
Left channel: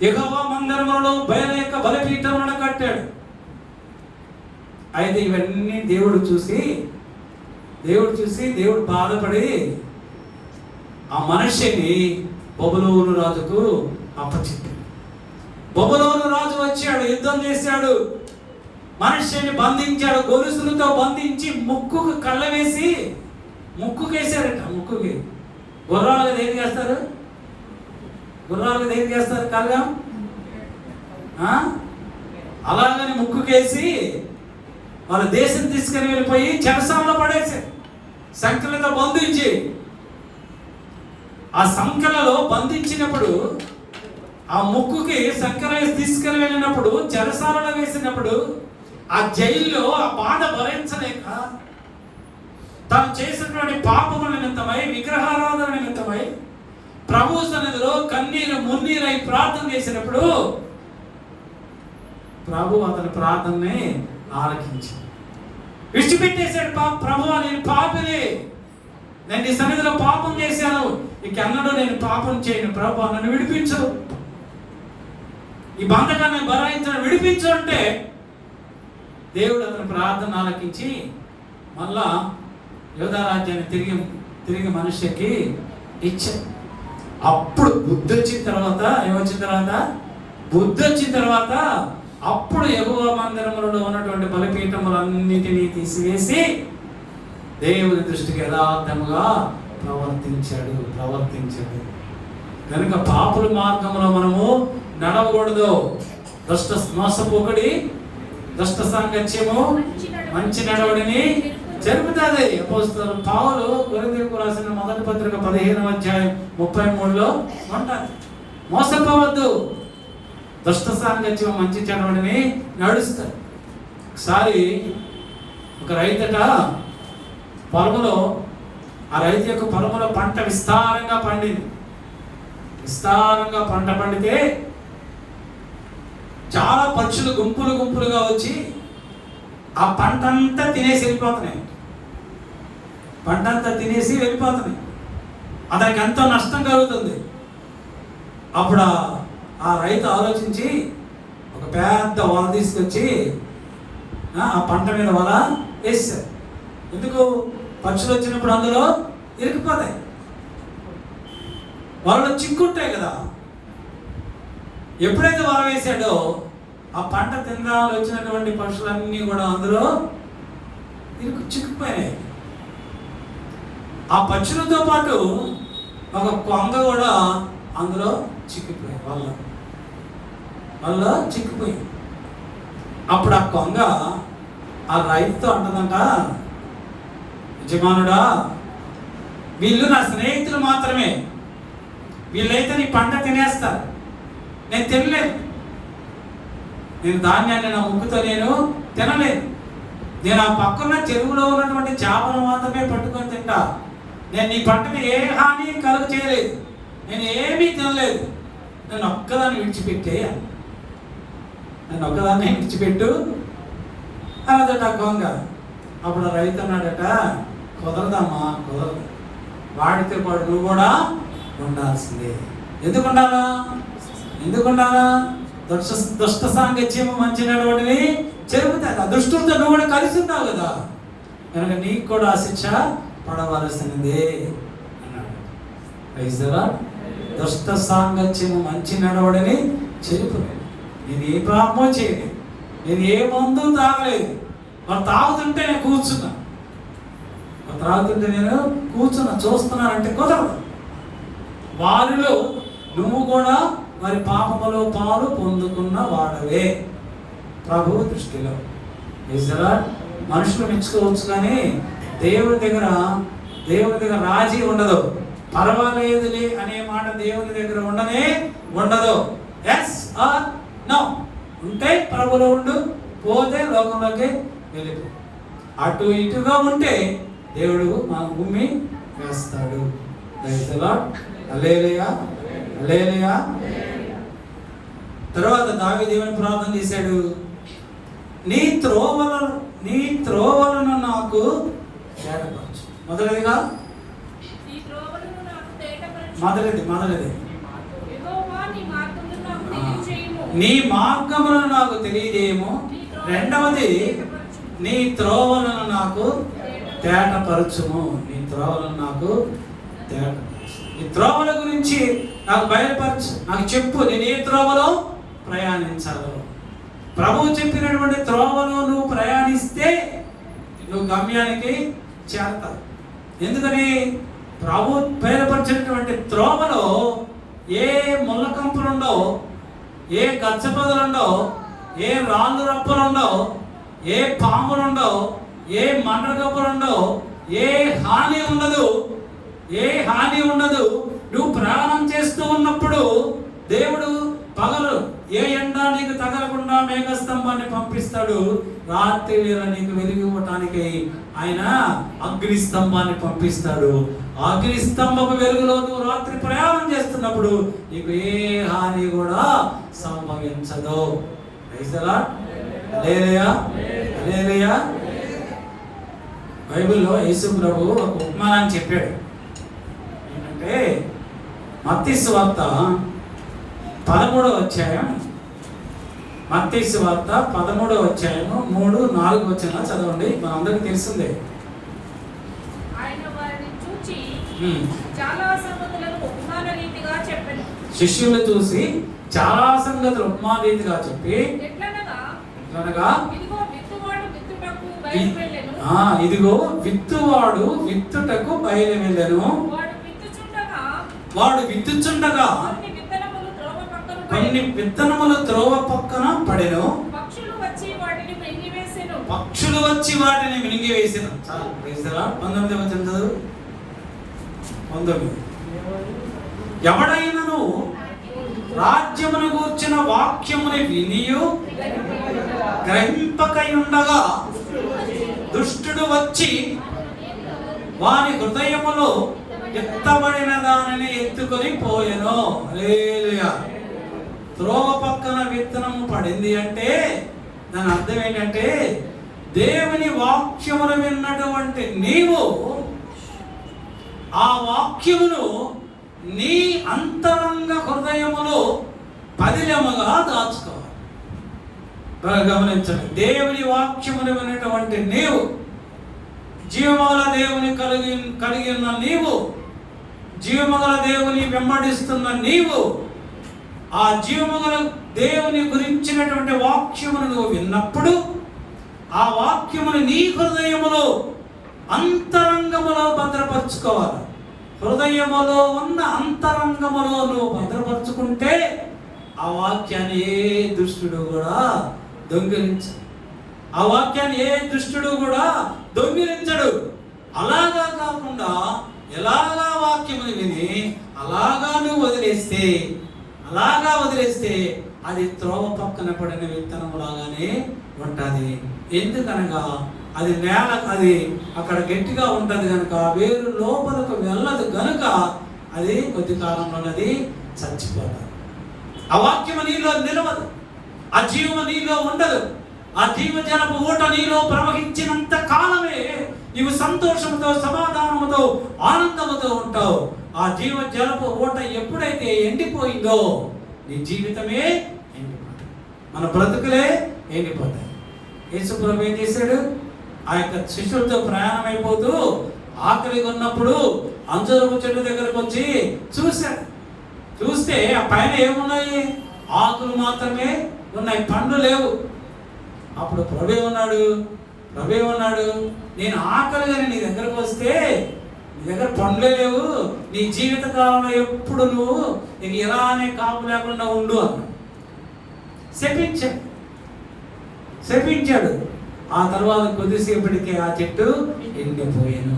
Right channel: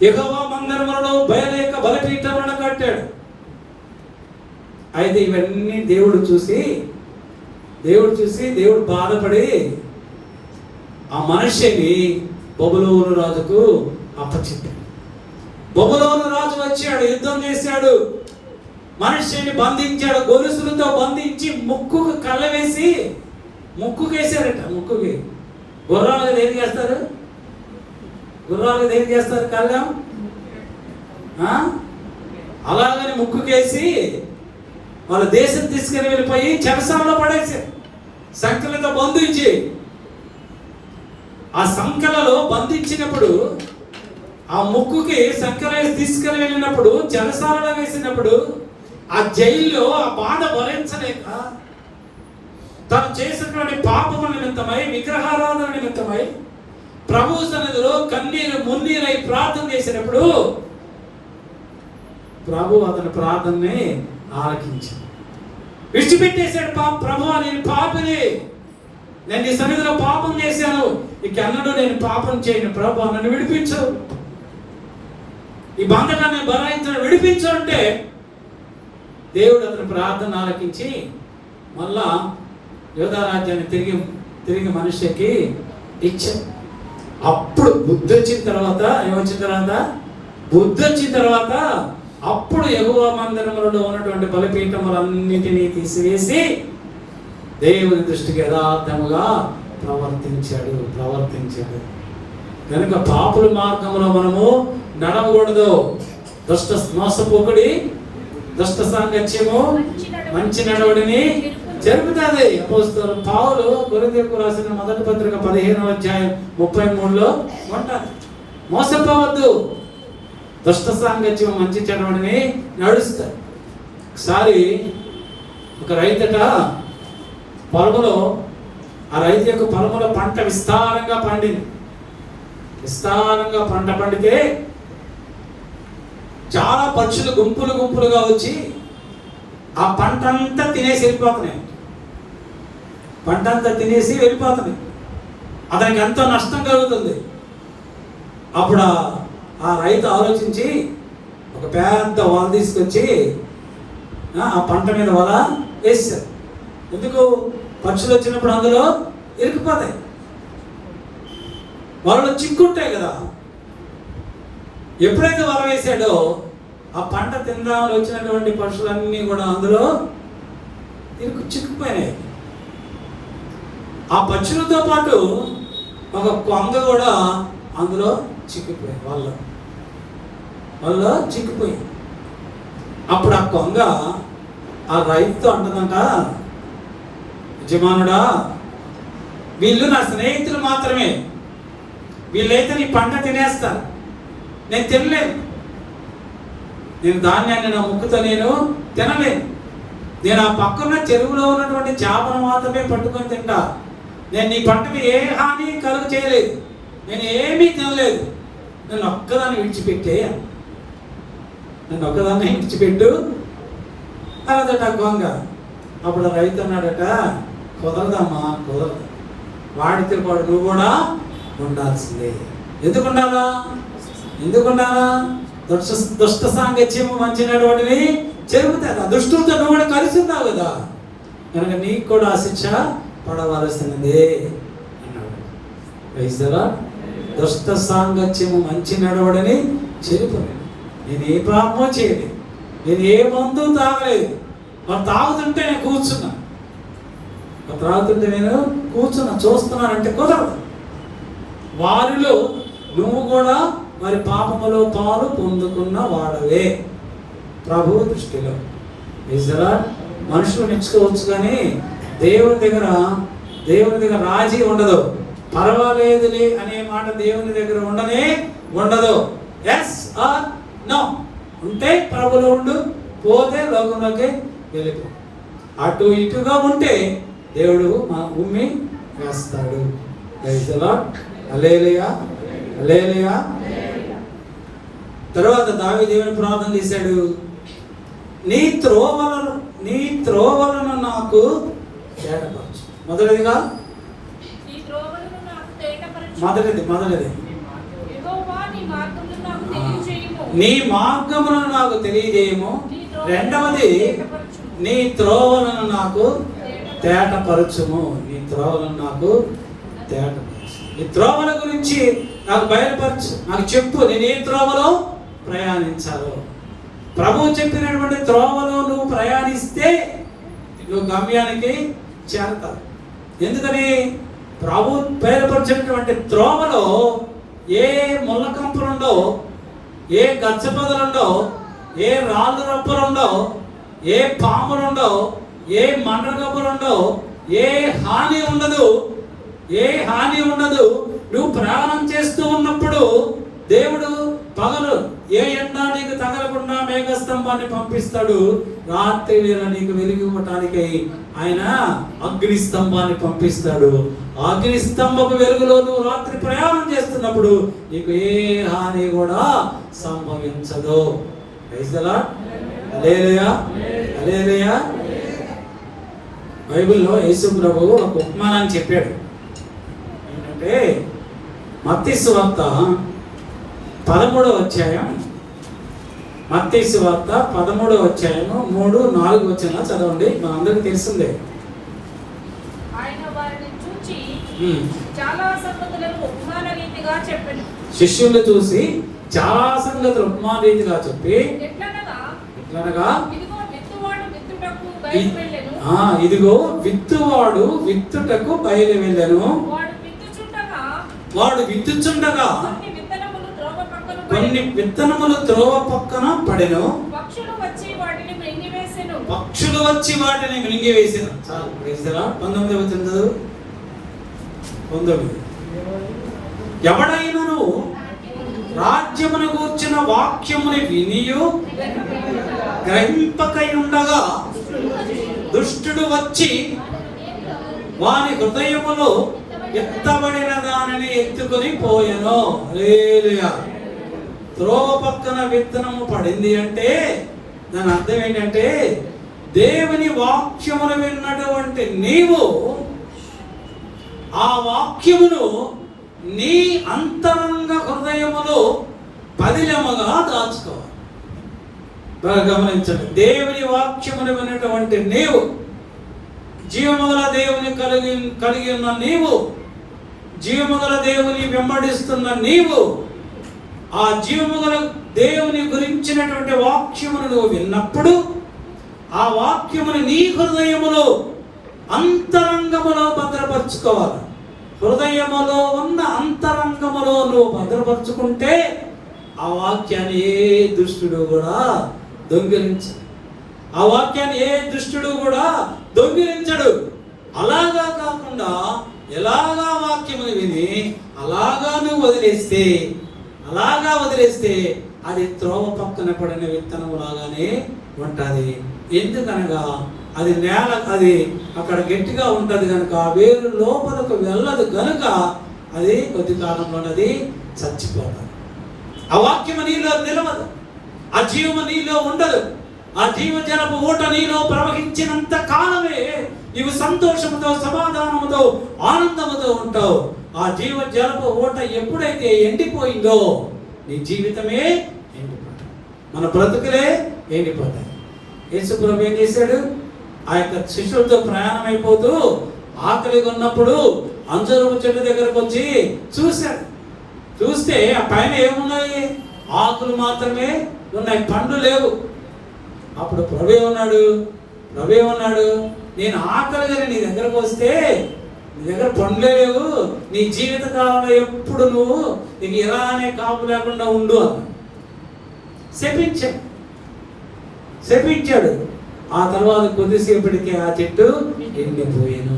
యెహోవా మందిరములలో బయలేక బలిపీఠములను కట్టాడు. అయితే ఇవన్నీ దేవుడు చూసి బాధపడి ఆ మనిషిని బబులోను రాజుకు అప్పచెప్పాడు. బబులోను రాజు వచ్చాడు, యుద్ధం చేశాడు, మనిషిని బంధించాడు, గొలుసులతో బంధించి ముక్కుకు కళ్ళ వేసి ముక్కుకేసాడట. ముక్కుకి గుర్రాలకు దేనికి వేస్తారు కళ్ళం, అలాగని ముక్కుకేసి వాళ్ళ దేశం తీసుకుని వెళ్ళిపోయి చెరసాలలో పడేసారు, సంఖ్యలతో బంధించి. ఆ సంఖ్యలలో బంధించినప్పుడు, ఆ ముక్కుకి సంఖ్యలు తీసుకుని వెళ్ళినప్పుడు, చెరసాలలో వేసినప్పుడు, ఆ జైల్లో ఆ బాధ భరించలేక తాను చేసినటువంటి పాపము నిమిత్తమై, విగ్రహారాధన నిమిత్తమై ప్రభు సన్నిధిలో కన్నీరు మున్నీరై ప్రార్థన చేసినప్పుడు ప్రభు అతని ప్రార్థనని ఆలకించాడు. విడిచిపెట్టేశాడు. ప్రభువా, నేను పాపిని, నేను నీ సన్నిధిలో పాపం చేశాను, ఇకన్నడూ నేను పాపం చేయను, ప్రభువా నన్ను విడిపించు, ఈ బంధకాన్ని భరాయించడం విడిపించు అంటే దేవుడు అతని ప్రార్థన ఆలకించి మళ్ళా యోధరాజ్యాన్ని తిరిగి మనిషికి ఇచ్చాడు. అప్పుడు బుద్ధి వచ్చిన తర్వాత అప్పుడు యెహోవా మందిరములలో ఉన్నటువంటి బలిపీఠములన్నిటినీ తీసివేసి దేవుని దృష్టికి యథార్థముగా ప్రవర్తించాడు. కనుక పాపుల మార్గంలో మనము నడవకూడదు. మోసపోకడి, దుష్ట సాంగత్యము మంచి నడవడిని జరుగుతుంది. అపోస్తలుడు పౌలు కొరింథీయులకు రాసిన మొదటి పత్రిక 15వ అధ్యాయం 33లో ఉంటారు. మోసపోవద్దు, దుష్ట సాంగత్యం మంచి చెడవడిని నడుస్తారు. ఒకసారి ఒక రైతట పొలంలో, ఆ రైతు యొక్క పొలంలో పంట విస్తారంగా పండింది. విస్తారంగా పంట పండితే చాలా పక్షులు గుంపులుగా వచ్చి ఆ పంట అంతా తినేసి వెళ్ళిపోతున్నాయి. అతనికి ఎంతో నష్టం కలుగుతుంది. అప్పుడు ఆ రైతు ఆలోచించి ఒక పెద్ద వల తీసుకొచ్చి ఆ పంట మీద వల వేసారు. ఎందుకు? పక్షులు వచ్చినప్పుడు అందులో ఇరికిపోతాయి, వలలో చిక్కుంటాయి కదా. ఎప్పుడైతే వల వేసాడో ఆ పంట తినడానికి వచ్చినటువంటి పక్షులన్నీ కూడా అందులో చిక్కుపోయినాయి. ఆ పక్షులతో పాటు ఒక కొంగ కూడా అందులో చిక్కిపోయాయి. వల్ల చిక్కిపోయింది. అప్పుడు ఆ కొంగ ఆ రైతుతో అంటదంట, యజమానుడా, వీళ్ళు నా స్నేహితులు మాత్రమే, వీళ్ళైతే నీ పంట తినేస్తారు, నేను తినలేను, నేను ధాన్యాన్ని నా ముక్కుతో నేను తినలేను, నేను ఆ పక్కన చెరువులో ఉన్నటువంటి చేపలు మాత్రమే పట్టుకొని తింటా, నేను నీ పంటని ఏ హాని కలుగు చేయలేదు, నేను ఏమీ తినలేదు, నేను ఒక్కదాన్ని విడిచిపెట్టే, నన్ను ఒక్కదాన్ని విడిచిపెట్టు అన్నదట గొంగ. అప్పుడు రైతు అన్నాడట, కుదరదమ్మా, కుదరదు, వాడితే వాడు నువ్వు కూడా ఉండాల్సిందే. ఎందుకుండాలా? దుష్ట సాంగత్యము మంచి నడవడిని చెరుపుతారు. దుష్టులతో నువ్వు కూడా కలిసి ఉన్నావు కదా, కనుక నీకు కూడా ఆ శిక్ష పడవలసినదే అన్నాడు. దుష్ట సాంగత్యము మంచి నడవడిని చెరుపుతాడు. నేను ఏ పాపమో చేయలేదు, నేను ఏ మందు తాగలేదు, వాళ్ళు తాగుతుంటే నేను కూర్చున్నా, చూస్తున్నానంటే కుదరదు. వారిలో నువ్వు కూడా మరి పాపములో పాలు పొందుకున్న వాడవే ప్రభు దృష్టిలో. మనుషులు మెచ్చుకోవచ్చు, కానీ దేవుని దగ్గర రాజీ ఉండదు. పర్వాలేదులే అనే మాట దేవుని దగ్గర ఉండదు. ఎస్ ఆర్ నో, ఉంటే ప్రభులో ఉండు, పోతే లోకంలోకి వెళ్ళిపో. అటు ఇటుగా ఉంటే దేవుడు మా భూమి వేస్తాడు. హల్లెలూయా, హల్లెలూయా. తర్వాత దావీదు దేవుని ప్రార్థన చేశాడు, నీ త్రోవలను నాకు తేటపరచు. మొదటిది నీ మార్గములను నాకు తెలియజేయము. రెండవది, నీ త్రోవలను నాకు తేటపరచుము. నీ త్రోవలను నాకు తేటపరచు. ఈ త్రోవల గురించి నాకు బయలుపరచు, నాకు చెప్పు, నేను ఏ త్రోవలో ప్రయాణించాలో. ప్రభువు చెప్పినటువంటి త్రోవలో నువ్వు ప్రయాణిస్తే నువ్వు గమ్యానికి చేరతావు. ఎందుకని? ప్రభు బయలుపరిచినటువంటి త్రోవలో ఏ ముళ్ళ కంపులుండో, ఏ గచ్చపొదలుండో, ఏ రాళ్ళు రప్పలుండో, ఏ పాములుండో, ఏ మండగబ్బలుండో, ఏ హాని ఉండదు. నువ్వు ప్రయాణం చేస్తూ ఉన్నప్పుడు దేవుడు పగలు ఏ ఎండ నీకు తగలకుండా మేఘస్తంభాన్ని పంపిస్తాడు, రాత్రి వేళ నీకు వెలుగు ఇవ్వటానికి ఆయన అగ్ని స్తంభాన్ని పంపిస్తాడు. అగ్ని స్తంభపు వెలుగులో నువ్వు రాత్రి ప్రయాణం చేస్తున్నప్పుడు నీకు ఏ హాని కూడా సంభవించదు. హల్లెలూయా. బైబిల్లో యేసు ప్రభు ఒక ఉపమానాన్ని చెప్పాడు. ఏంటంటే మత్తయి సువార్త 13వ అధ్యాయం, మత్తయి సువార్త 13వ అధ్యాయము 3-4 వచనాలు చదవండి. మా అందరికి తెలిసిందే. శిష్యులు చూసి చాలా సంగతులు ఉపమాన రీతిగా చెప్పి, ఎట్లనగా ఇదిగో విత్తువాడు విత్తుటకు బయలు వెళ్ళెను. వాడు విత్తుచుండగా కొన్ని విత్తనములు త్రోవ పక్కన పడెను, పక్షులు వచ్చి వాటిని మింగివేసెను. 19 ఎవడైనను రాజ్యమును గూర్చిన వాక్యముని వినియు గ్రహింపకై ఉండగా దుష్టుడు వచ్చి వాని హృదయములో ఎత్తబడిన దానిని ఎత్తుకొని పోయెను. హల్లెలూయా. త్రోవ పక్కన విత్తనము పడింది అంటే దాని అర్థం ఏంటంటే, దేవుని వాక్యమును విన్నటువంటి నీవు ఆ వాక్యమును నీ అంతరంగ హృదయములో పదిలముగా దాచుకోవాలి. బాగా గమనించండి. దేవుని వాక్యమును విన్నటువంటి నీవు, జీవముగల దేవుని కలిగి ఉన్న నీవు, జీవముగల దేవుని వెంబడిస్తున్న నీవు, ఆ జీవముగల దేవుని గురించినటువంటి వాక్యమును నువ్వు విన్నప్పుడు ఆ వాక్యమును నీ హృదయములో అంతరంగములో భద్రపరచుకోవాలి. హృదయములో ఉన్న అంతరంగములో నువ్వు భద్రపరచుకుంటే ఆ వాక్యాన్ని ఏ దుష్టుడు కూడా దొంగిలించడు. ఆ వాక్యాన్ని ఏ దుష్టుడు కూడా దొంగిలించడు. అలాగా కాకుండా ఎలాగా వాక్యముని విని అలాగా నువ్వు వదిలేస్తే అది త్రోవ పక్కన పడిన విత్తనం లాగానే ఉంటుంది. ఎందుకనగా అది నేల, అది అక్కడ గట్టిగా ఉంటుంది కనుక వేరు లోపలకు వెళ్ళదు కనుక అది కొద్ది కాలంలో అది చచ్చిపోతుంది. ఆ వాక్యము నీలో నిలవదు, ఆ జీవము నీలో ఉండదు. ఆ జీవజలపు ఊట నీలో ప్రవహించినంత కాలమే నీవు సంతోషముతో, సమాధానముతో, ఆనందముతో ఉంటావు. ఆ జీవజలపు ఊట ఎప్పుడైతే ఎండిపోయిందో నీ జీవితమే ఎండిపోతుంది, మన బ్రతుకులే ఎండిపోతాయి. యేసు ప్రభు ఏం చేశాడు? ఆ యొక్క శిష్యులతో ప్రయాణం అయిపోతూ ఆకలిగా ఉన్నప్పుడు అంజూరపు చెట్టు దగ్గరకు వచ్చి చూశాడు. చూస్తే ఆ పైన ఏమున్నాయి? ఆకులు మాత్రమే ఉన్నాయి, పండ్లు లేవు. అప్పుడు ప్రభు ఏమన్నాడు? నేను ఆకలిగా నీ దగ్గరకు వస్తే నీ దగ్గర పండ్లే లేవు, నీ జీవిత కాలంలో ఎప్పుడు నువ్వు నీకు ఎలానే కాపు లేకుండా ఉండు అన్నాడు. శపించాడు. ఆ తర్వాత కొద్దిసేపటికి ఆ చెట్టు ఎండిపోయాను.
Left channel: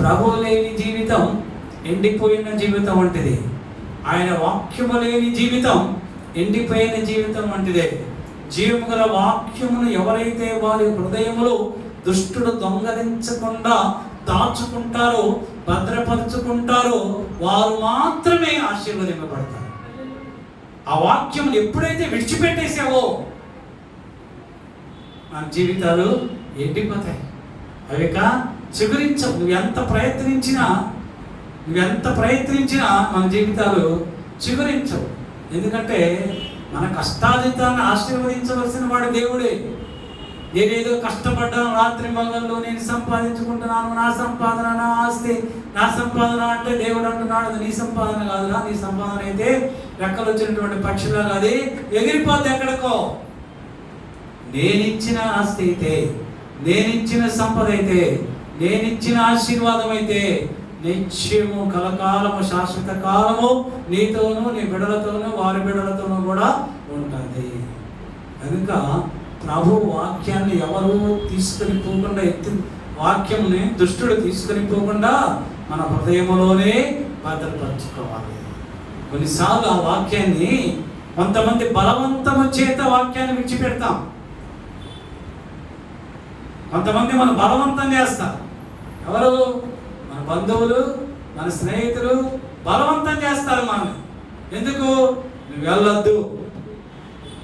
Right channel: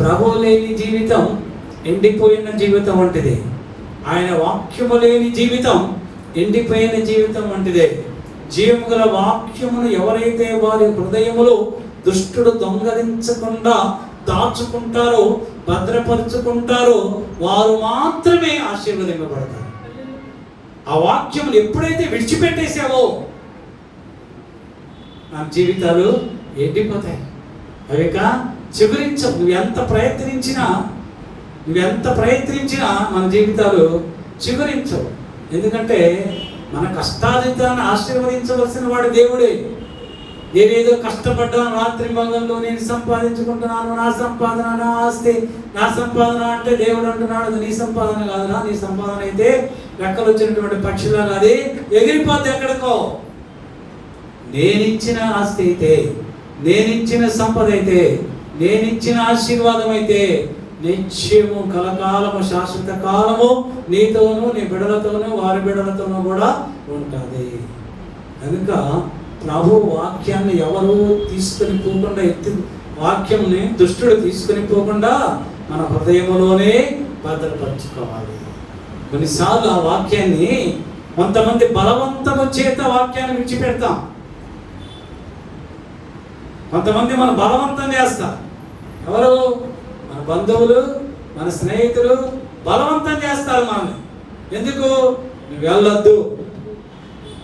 ప్రభు లేని జీవితం ఎండిపోయిన జీవితం వంటిదే. ఆయన వాక్యము లేని జీవితం ఎండిపోయిన జీవితం వంటిదే. జీవము గల వాక్యమును ఎవరైతే వారి హృదయములో దుష్టుడు దొంగలించకుండా దాచుకుంటారో, భద్రపరుచుకుంటారో వారు మాత్రమే ఆశీర్వదింపబడతారు. ఆ వాక్యమును ఎప్పుడైతే విడిచిపెట్టేసావో మన జీవితాలు ఎండిపోతాయి. అవిక చిగురించవు. నువ్వెంత ప్రయత్నించినా మన జీవితాలు చిగురించవు. ఎందుకంటే మన కష్టాజితాన్ని ఆశీర్వదించవలసిన వాడు దేవుడే. నేనేదో కష్టపడ్డాను, రాత్రి మగల్లో నేను సంపాదించుకుంటున్నాను, నా సంపాదన, నా ఆస్తి, నా సంపాదన అంటే దేవుడు అంటున్నాడు అది నీ సంపాదన కాదురా. నీ సంపాదన అయితే రెక్కలు వచ్చినటువంటి పక్షులాగా అది ఎగిరిపోతే ఎక్కడికో. నేనిచ్చిన ఆస్తి అయితే, నేనిచ్చిన సంపద అయితే, నేనిచ్చిన ఆశీర్వాదం అయితే నిత్యము, కలకాలము, శాశ్వత కాలము నీతోనూ, నీ బిడ్డలతోనూ, వారి బిడ్డలతోనూ కూడా ఉంటుంది. కనుక ప్రభు వాక్యాన్ని ఎవరు తీసుకొని పోకుండా, వాక్యముని దుష్టుడు తీసుకొని పోకుండా మన హృదయంలోనే భద్రపరచుకోవాలి. కొన్నిసార్లు ఆ వాక్యాన్ని కొంతమంది బలవంతము చేత వాక్యాన్ని విడిచిపెడతాం. కొంతమంది మనం బలవంతం చేస్తాం. ఎవరు? మన బంధువులు, మన స్నేహితులు బలవంతం చేస్తారు మనల్ని. ఎందుకు? నువ్వు వెళ్ళొద్దు,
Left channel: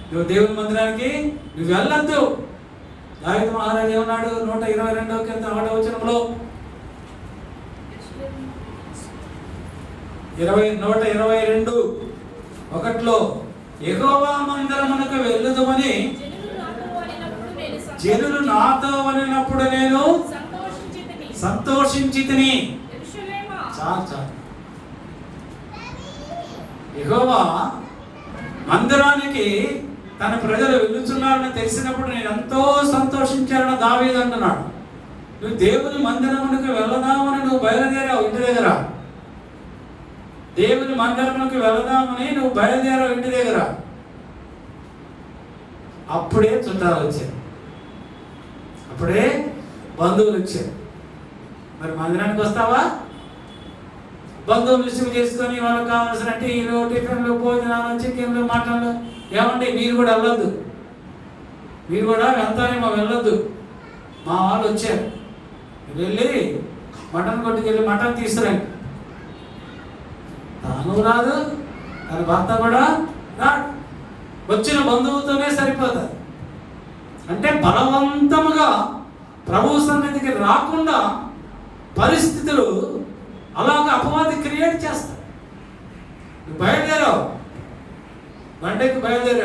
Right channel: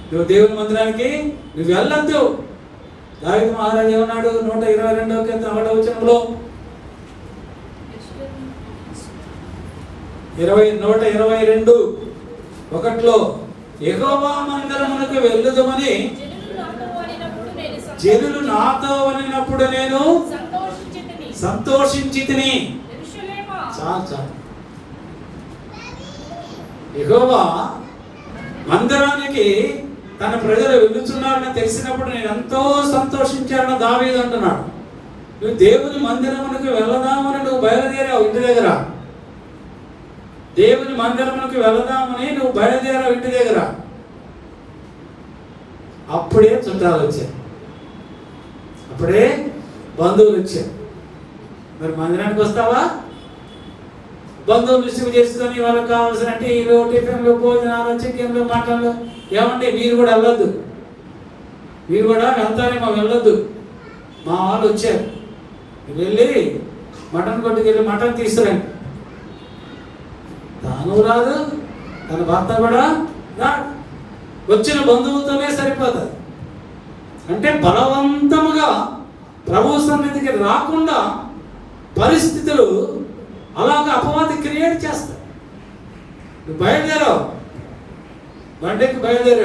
నువ్వు దేవుని మందిరానికి నువ్వు వెళ్ళొద్దు. దావీదు మహారాజు ఏమన్నాడు? 122వ వచనంలో 122:1 యెహోవా మందిరమునకు వెళ్ళుదమని జనులు నాతో అనినప్పుడు నేను సంతోషించితిని. చాలు. యెహోవా మందిరానికి తన ప్రజలు వెళ్ళుచున్నారని తెలిసినప్పుడు నేను ఎంతో సంతోషించానని దావీదు అంటున్నాడు. నువ్వు దేవుని మందిరమునకు వెళదామని నువ్వు బయలుదేరావు ఇంటి దగ్గర. దేవుని మందిరమునకు వెళదామని నువ్వు బయలుదేరావు ఇంటి దగ్గర. అప్పుడే చుట్టాలు వచ్చాయి, అప్పుడే బంధువులు వచ్చారు. మరి మందిరానికి వస్తావా? బంధువులు రిసీవ్ చేసుకొని వాళ్ళకి కావాల్సిన టీలు, టిఫిన్లు, భోజనాలు, చికెన్లు, మటన్లు. ఏమంటే మీరు కూడా వెళ్ళొద్దు, మీరు కూడా వెళ్తారేమో, వెళ్ళొద్దు. మా వాళ్ళు వచ్చారు, వెళ్ళి మటన్ కొట్టుకెళ్ళి మటన్ తీసుకురండి. తాను రాదు, తన భర్త కూడా రాడు. వచ్చిన బంధువులతోనే సరిపోతుంది. అంటే బలవంతముగా ప్రభు సన్నిధికి రాకుండా పరిస్థితులు అలాగే అపవాది క్రియేట్ చేస్తాయి. నువ్వు బయలుదేరావు, బండికి బయలుదేరి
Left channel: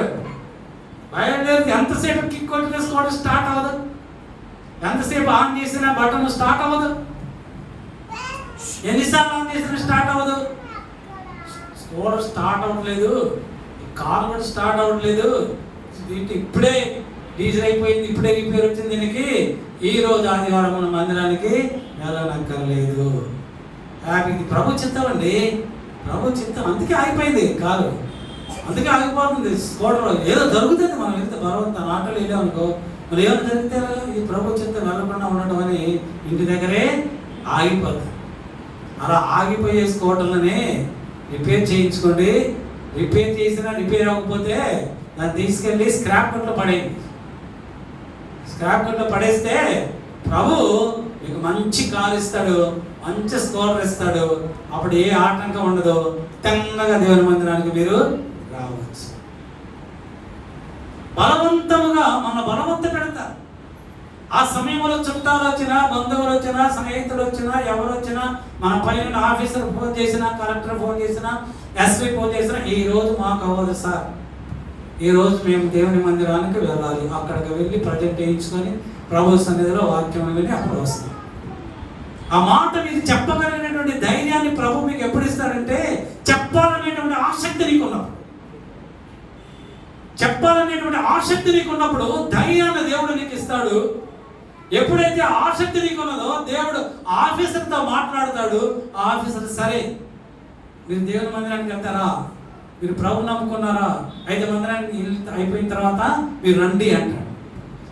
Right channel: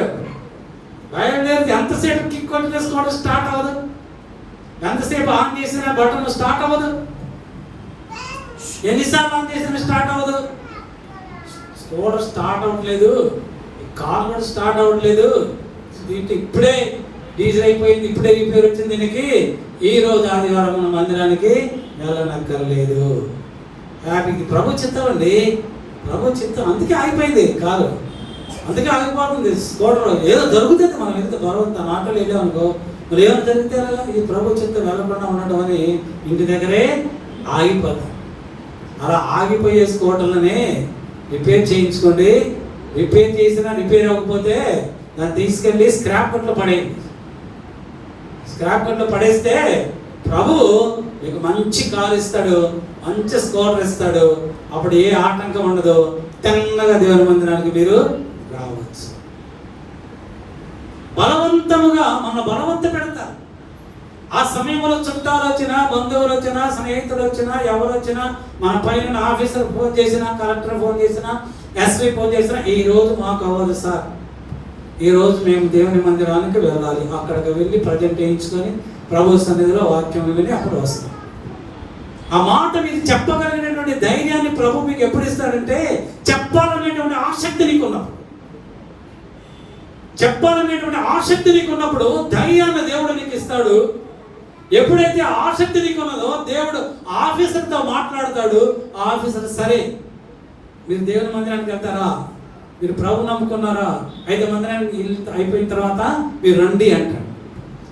ఎంతసేపు కిక్ కొట్టేసుకోవడం స్టార్ట్ అవ్వదు, ఎంతసేపు ఆన్ చేసిన బటన్ స్టార్ట్ అవ్వదు, ఎన్నిసార్లు ఆన్ చేసిన స్టార్ట్ అవ్వదు. స్కూటర్ స్టార్ట్ అవ్వట్లేదు, కార్ కూడా స్టార్ట్ అవ్వట్లేదు. ఇప్పుడే డీజిల్ అయిపోయింది, ఇప్పుడే రిపేర్ వచ్చింది దీనికి, ఈ రోజు ఆదివారం మన మందిరానికి వెళ్ళనక్కర్లేదు. హ్యాపీకి ప్రభు చిత్తం అండి. ప్రభు చిత్తం. అందుకే ఆగిపోయింది కాదు, అందుకే ఆగిపోతుంది. స్కోటలో ఏదో జరుగుతుంది, మనం ఎంత బలవంత నాటలు వెళ్ళాం అనుకో, మరి ఏమైనా జరిగితే ఈ ప్రభు చిత్తం వెళ్ళకుండా ఉండటం అని ఇంటి దగ్గరే ఆగిపోతుంది. అలా ఆగిపోయే స్కోటర్లనే రిపేర్ చేయించుకోండి. రిపేర్ చేసినా రిపేర్ అవ్వకపోతే దాన్ని తీసుకెళ్ళి స్క్రాప్ కొట్లో పడేయండి. స్క్రాప్ కొట్లో పడేస్తే ప్రభు మీకు మంచి కారు ఇస్తాడు, మంచి స్కోటర్ ఇస్తాడు. అప్పుడు ఏ ఆటంకం ఉండదు, తిన్నగా దేవుని మందిరానికి మీరు రావచ్చు. బలవంతముగా మన బలవంత పెడతారు. ఆ సమయంలో చుట్టాలు వచ్చినా, బంధువులు వచ్చినా, స్నేహితులు వచ్చినా, ఎవరు వచ్చినా, మన పైన ఆఫీసర్ ఫోన్ చేసినా, కలెక్టర్ ఫోన్ చేసినా, ఎస్పీ ఫోన్ చేసినా, ఈ రోజు మాకు అవ్వదు సార్, ఈ రోజు మేము దేవుని మందిరానికి వెళ్ళాలి, అక్కడికి వెళ్ళి ప్రజెంట్ చేయించుకొని ప్రభు సన్నిధిలో వాక్యం విని అప్పుడు వస్తాం. ఆ మాట మీకు చెప్పగలిగినటువంటి ధైర్యాన్ని ప్రభు మీకు ఎప్పుడు ఇస్తాడంటే, చెప్పాలనేటువంటి ఆసక్తి నీకు ఉన్నప్పుడు, చెప్పాలనేటువంటి ఆసక్తి నీకు ఉన్నప్పుడు ధైర్యాన్ని దేవుడు నీకు ఇస్తాడు. ఎప్పుడైతే ఆసక్తి నీకు ఉన్నదో దేవుడు ఆఫీసర్తో మాట్లాడతాడు. ఆఫీసర్ సరే మీరు దేవుని మందిరానికి వెళ్తారా, మీరు ప్రభు నమ్ముకున్నారా, 5 మందిరానికి అయిపోయిన తర్వాత మీరు రండి అంటాడు.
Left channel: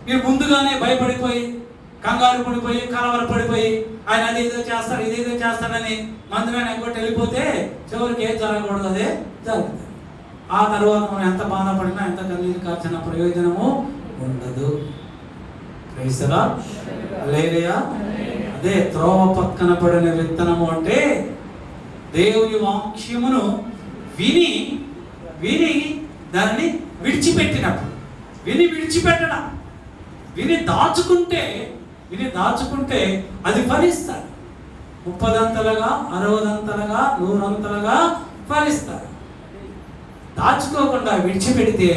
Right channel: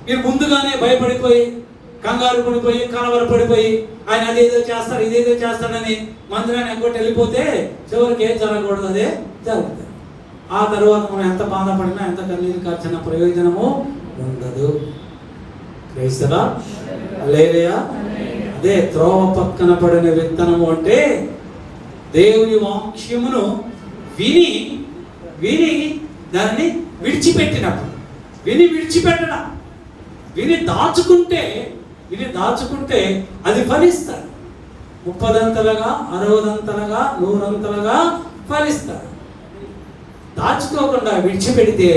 మీరు ముందుగానే భయపడిపోయి, కంగారు పడిపోయి, కలవరపడిపోయి, ఆయన అదేదో చేస్తాడు ఇదేదో చేస్తాడని మందిరాన్ని ఇంకోటి వెళ్ళిపోతే చివరికి ఏం జరగకూడదు, అదే జరుగుతుంది. ఆ తర్వాత మనం ఎంత బాధపడినా, ఎంత కన్నీరు కార్చిన ప్రయోజనము ఉండదు. అదే త్రోవ పక్కన పడిన విత్తనము అంటే దేవుని వాక్యమును విని విని దానిని విడిచిపెట్టినప్పుడు, విడిచిపెట్టడం, దాచుకుంటే అది ఫలిస్తాడు. 30 60 100 ఫలిస్తాడు. దాచుకోకుండా విడిచిపెడితే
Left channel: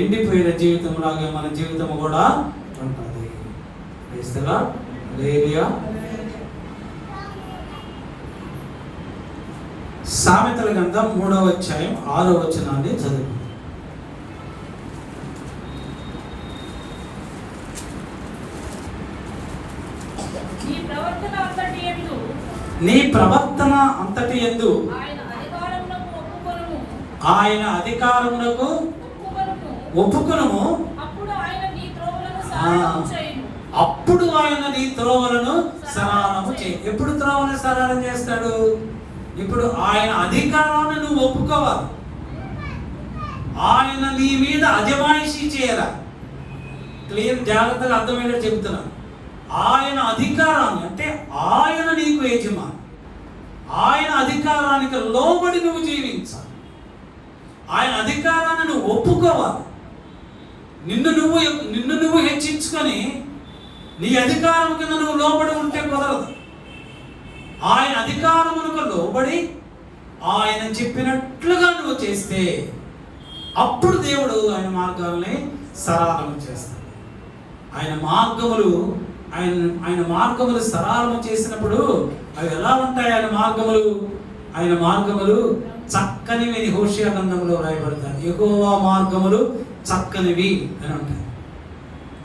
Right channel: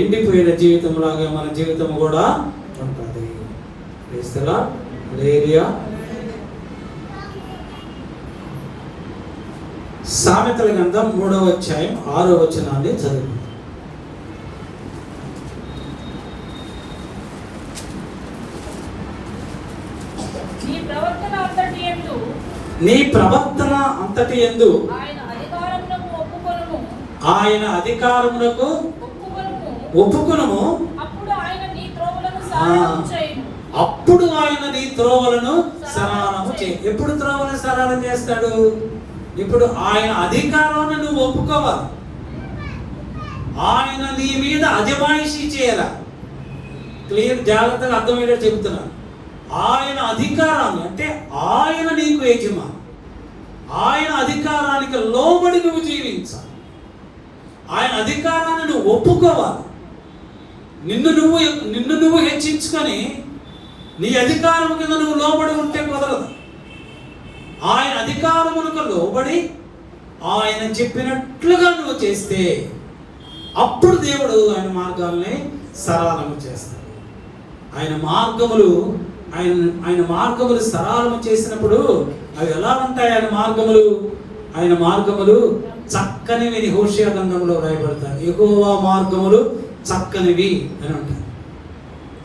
ఎండిపోయిన జీవితం లాగా మన జీవితం కూడా ఉంటుంది. సామెతల గ్రంథం 3వ అధ్యాయం 6వ వచనాన్ని చదువు. నీ ప్రవర్తన అంతటి యందు ఆయన అధికారములకు ఒప్పుకొనుము, అప్పుడు ఆయన నీ త్రోవలను సరళము చేయి. ఎప్పుడు త్రోవలను సరళం చేస్తాడు? ఇప్పుడు ఆయన అధికారాన్ని నువ్వు ఒప్పుకోవాలి, ఆయన నీ మీద అజమాయిషీ చేయాలి. క్లియర్, జాగ్రత్తగా అర్థమయ్యేలా చెప్తున్నా. ఆయన అధికారాన్ని అంటే ఆయన నీకు యజమాని, ఆయన అధికారానికి లోబడి నువ్వు జీవించాలి. ఆయన అధికారాన్ని నువ్వు ఒప్పుకోవాలి. నిన్ను నువ్వు హెచ్చించుకొని నీ అధికారము కింద నువ్వు లోబడి ఉంటే కుదరదు. ఆయన అధికారములకు లోబడి ఆయన చెప్పినట్లుగా నువ్వు చేస్తే అప్పుడు దేవుడు ఆయన మార్గాల్ని సరళము చేస్తాడు. ఆయన మార్గములు సరళము చేసినప్పుడు అవి ఎలా ఉంటాయి? ఆయన మార్గములు చక్కనివి. హోషేయ గ్రంథంలో రాయబడతారు. యెహోవా మార్గములు చక్కనివి అని ఉంటాయి.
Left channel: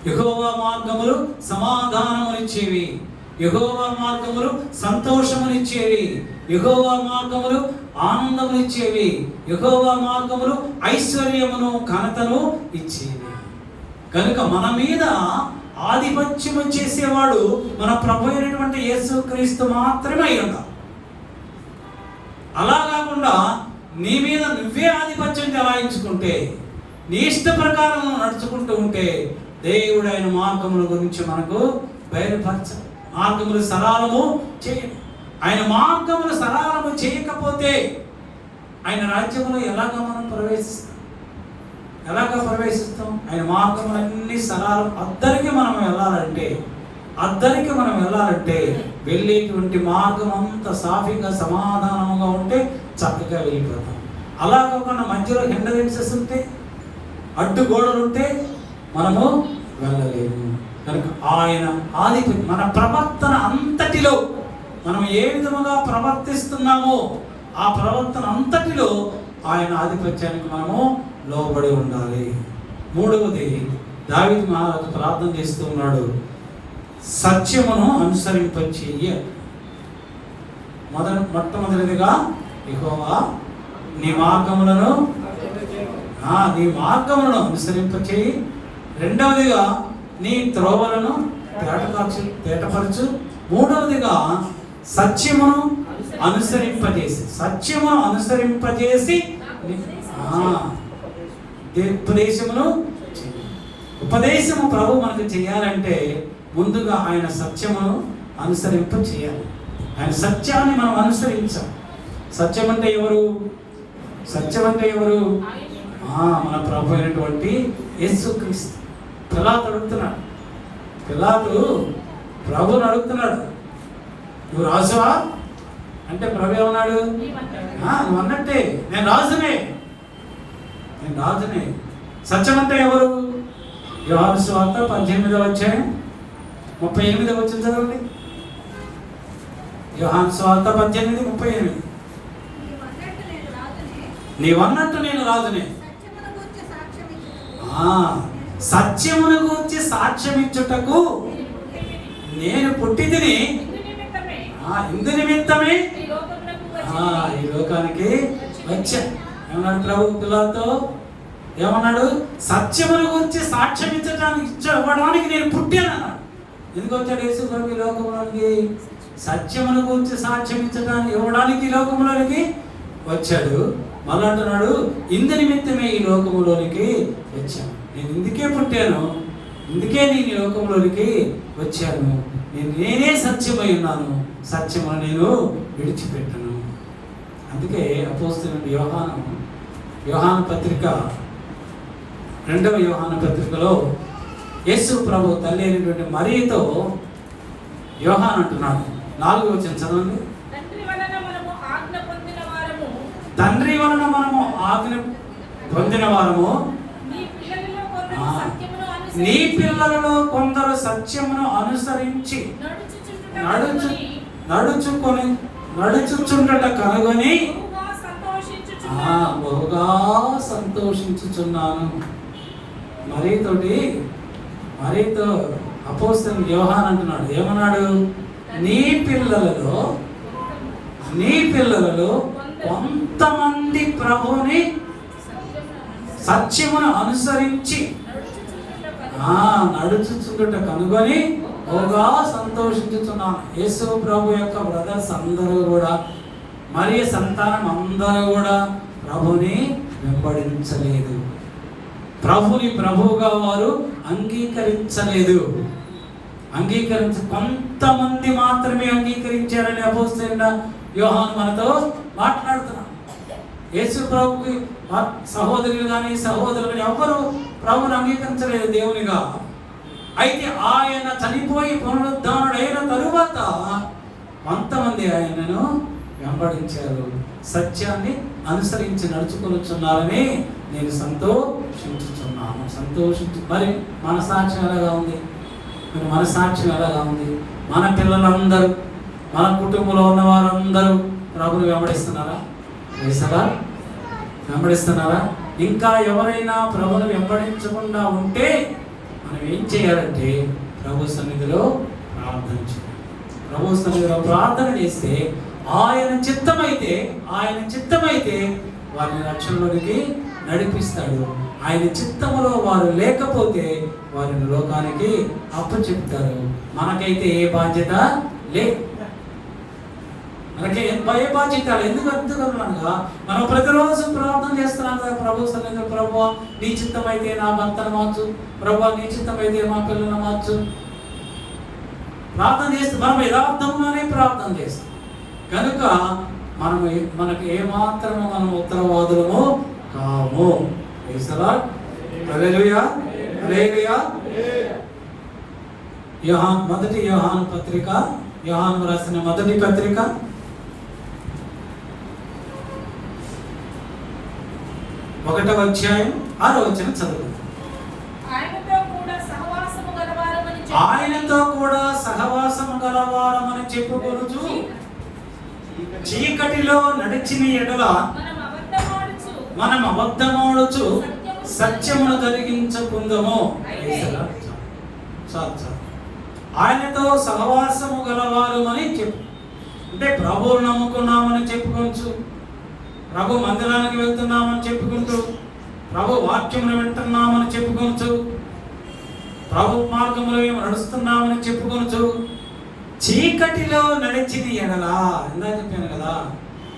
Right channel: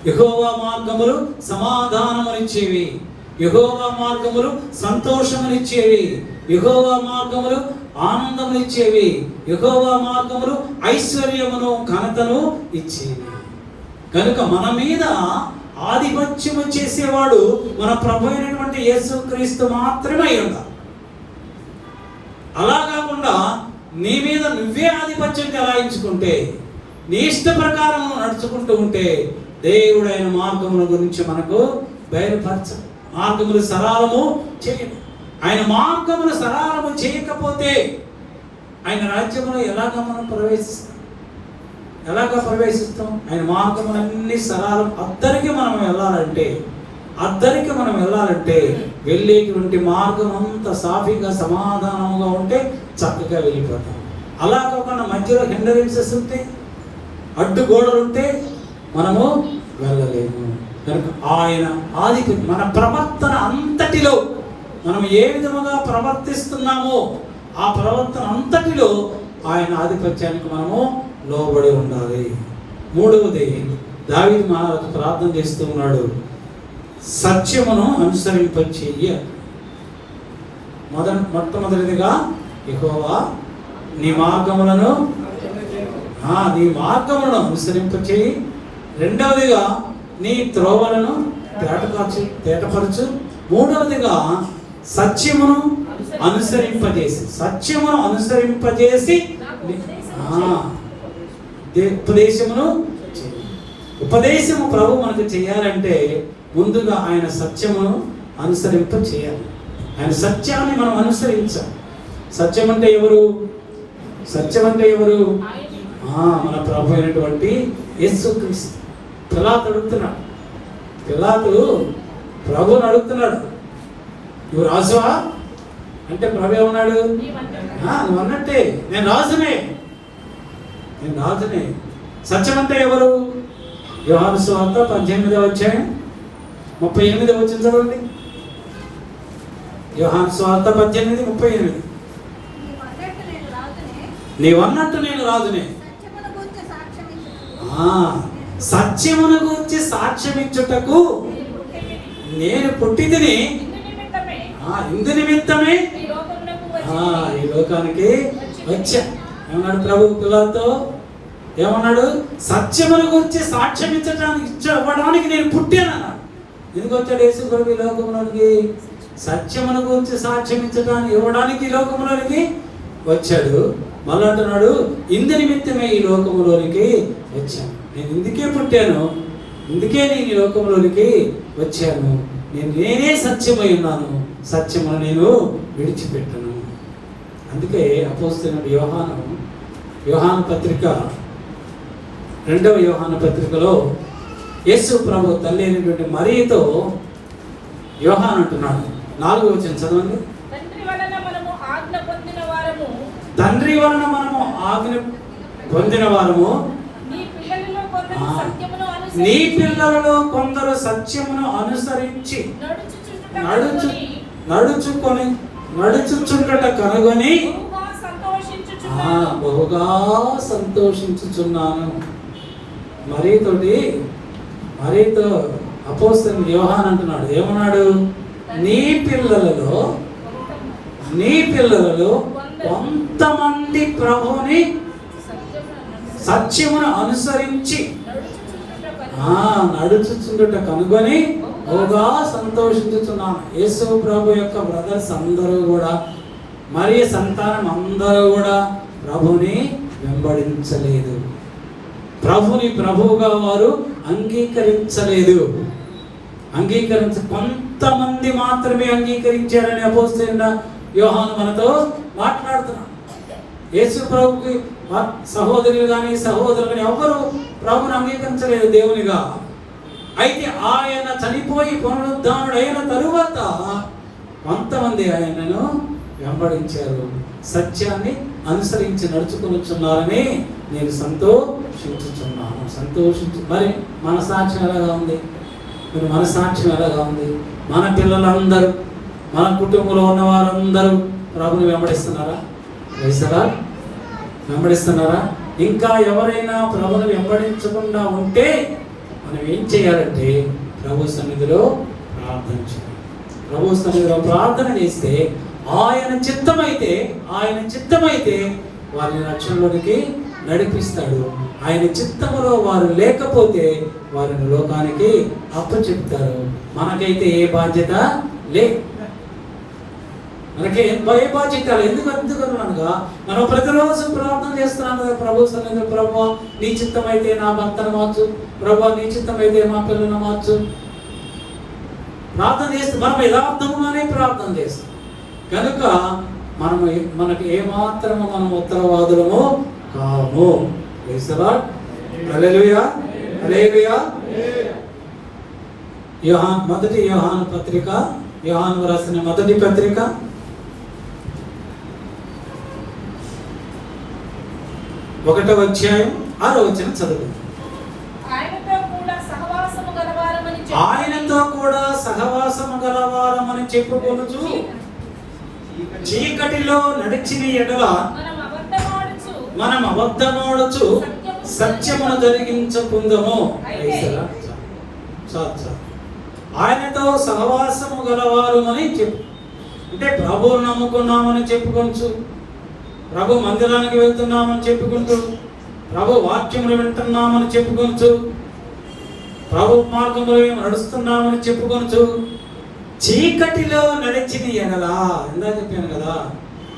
యెహోవా మార్గములు సమాధానమునిచ్చేవి, యెహోవా మార్గములు సంతోషమునిచ్చేవి, యెహోవా మార్గములు ఆనందమునిచ్చేవి, యెహోవా మార్గములు ఐశ్వర్యమును ఘనతను ఇచ్చేవి. కనుక మన మీద ఆధిపత్యము చేసేవాడు మన ప్రభు అయినటువంటి యేసుక్రీస్తు మాత్రమే ఉండాలి. అలా కాకుండా నీ మీద నువ్వే ఆధిపత్యం చెలాయించుకుంటే, నీ ఇష్ట ప్రకారం నడుచుకుంటూ ఉంటే దేవుడు ఆయన మార్గముల గురించి మనకు బయలుపరచాలి. మార్గములు సరళము చేయండి. ఆయన మార్గములు సరళము చేయకపోతే ఆయన రాజ్యంలో ఎలాగ మనం ప్రవేశిస్తాం? ఆయన మార్గములన్నీ సరళం. అద్దరికి మనం వెళ్ళాలంటే వెళ్ళేటువంటి మార్గం అంతా సాఫీగా సమాధానంగా ఉంటే చక్కగా వెళ్ళిపోతాం. అలా కాకుండా మధ్యలో హిండరెన్సెస్ ఉంటే, అడ్డుగోడలు ఉంటే మనము వెళ్ళలేము. కనుక ఆయన ఆధిపత్యం, మన ప్రవర్తన అంతటిలో మనం ఏ విధముగా ప్రవర్తిస్తున్నామో ఆ ప్రవర్తన అంతటిలో ఆయన ఆధిపత్యానికి మనము లోబడి ఉండాలి. 3వది, దావీదు మహారాజు ప్రార్థన చేస్తూ ఉన్నాడు, సత్యమును అనుసరింపచేయ. మొట్టమొదటిదిగా యెహోవా నీ మార్గములను అనుసరింపచేయి. రెండవదిగా నీ త్రోవలను తేటపరచు. మూడవదిగా సత్యమును అనుసరింపజేసి ఉపదేశము ప్రభు మనకు చేయాలంటే ముందుగా ఆయన సత్యమును అనుసరింప చేయాలి. ఆయన సత్యాన్ని మనం అనుసరించాలి. సత్యం అంటే ఎవరు? మన ప్రభు అయినటువంటి యేసుక్రీస్తు. పిలాతు ప్రభుని అడుగుతున్నాడు, నువ్వు రాజువా అంటే ప్రభు ఏమన్నాడు? నువ్వు అన్నట్టే, నేను రాజునే. సత్యం అంటే ఎవరు? యోహాను సువార్త 18వ అధ్యాయం 38వ వచనం చదవండి. యోహాను సువార్త 18:38. నీవన్నట్టు నేను రాజునే. సత్యమును గూర్చి సాక్ష్యమిచ్చుటకు నేను పుట్టితిని, ఇందు నిమిత్తమే ఈ లోకానికి వచ్చా. ఏమన్నాడు ప్రభు పిల్లలతో? ఏమన్నాడు? సత్యమును గురించి సాక్ష్యం ఇవ్వడానికి నేను పుట్టాను. ఎందుకు వచ్చాడు యేసు ప్రభు ఈ లోకంలోనికి? సత్యమును గురించి సాక్ష్యం ఇవ్వడానికి ఈ లోకంలోనికి వచ్చాడు. మళ్ళీ అంటున్నాడు, ఇందు నిమిత్తమే ఈ లోకంలోనికి వచ్చాను. నేను ఇందుకే పుట్టాను, ఇందుకే నేను ఈ లోకంలోనికి వచ్చాను. నేనే సత్యమై ఉన్నాను, సత్యమును నేను విడిచిపెట్టాను. అందుకే అపోస్తలుడైన యోహాను పత్రిక 2వ యోహాను పత్రికలో యేసు ప్రభు తల్లి అయినటువంటి మరియతో యోహాను అంటున్నాడు. 4వ వచనం చదవండి. తండ్రి వలన మనము ఆజ్ఞ పొందిన వారము, నీ పిల్లలలో కొందరు సత్యమును అనుసరించి నడుచుచుండట కనుగొని బహుగా సంతోషించుచున్నాను. మరియతో అపోస్తలుడైన యోహాను అంటున్నాడు. ఏమన్నాడు? నీ పిల్లలలో కొంతమంది ప్రభుని సత్యమును అనుసరించి నడుచుచుండట కనుగొని బహుగా సంతోషించుతున్నాను. యేసు ప్రభు యొక్క బ్రదర్స్ అందరూ కూడా, మరి సంతానం అందరూ కూడా ప్రభుని వెంబడించలేదు. ప్రభుని ప్రభువుగా వారు అంగీకరించలేదు. కొంతమంది మాత్రమే అంగీకరించారని అపోస్తలుడైన యోహాను మనతో మాట్లాడుతున్నాడు. యేసు ప్రభుకి సహోదరులు కానీ సహోదరులు ఎవరు ప్రభుని అంగీకరించలేదు దేవునిగా. అయితే ఆయన చనిపోయి పునరుద్ధానుడైన తరువాత కొంతమంది ఆయనను వెంబడించారు, సత్యాన్ని అనుసరించి నడుచుకొనుచున్నారని నేను సంతోషించుచున్నాను. మరి మన సాక్ష్యం ఎలాగా ఉంది? మన పిల్లలందరూ, మన కుటుంబంలో ఉన్న వారందరూ ప్రభుని వెంబడిస్తున్నారా? ఇంకా ఎవరైనా ప్రభుని వెంబడించకుండా ఉంటే మనం ఏం చేయాలంటే ప్రభు సన్నిధిలో ప్రార్థన చేస్తే ఆయన చిత్తమైతే వారిని రక్షణలోనికి నడిపిస్తాడు. ఆయన చిత్తములో వారు లేకపోతే వారిని లోకానికి అప్పచెప్తారు. మనకైతే ఏ బాధ్యత లేదు. ఏ బాధ్యత ఎందుకనగా మనం ప్రతిరోజు ప్రార్థన చేస్తున్నాం కదా ప్రభు సన్నిధిలో. ప్రభు నీ చిత్తమైతే నా భర్తను మార్చు, ప్రభు నీ చిత్తమైతే మా పిల్లలను మార్చు. ప్రార్థన చేస్తే మనం యథార్థంగానే ప్రార్థన చేస్తాం కనుక మనకు ఏమాత్రము మనం ఉత్తరవాదులము కాము. మొదటి యోహాను పత్రిక, యోహాను రాసిన మొదటి పత్రిక 1వ అధ్యాయం 6వ వచనం చదువుకుందాం. ఆయనతో కూడా సహవాసము గలవారమని చెప్పుకొనుచు చీకటిలో నడిచిన ఎడల మనం అబద్ధమాడుచు సత్యమును జరిగించకుందము. ఆయనతో సహవాసము గలవారు అని చెప్పు అంటే ప్రభువును నమ్ముకున్నామని చెప్పుకోవచ్చు, ప్రభు మందిరానికి వెళ్తున్నామని చెప్పుకుంటూ, ప్రభు వాక్యములు వింటున్నామని చెప్పుకుంటూ, ప్రభు మార్గములు నడుస్తున్నామని చెప్పుకొనుచు చీకటిలో నడిచిన ఎడలా, ఇందాక చెప్పాను కదా,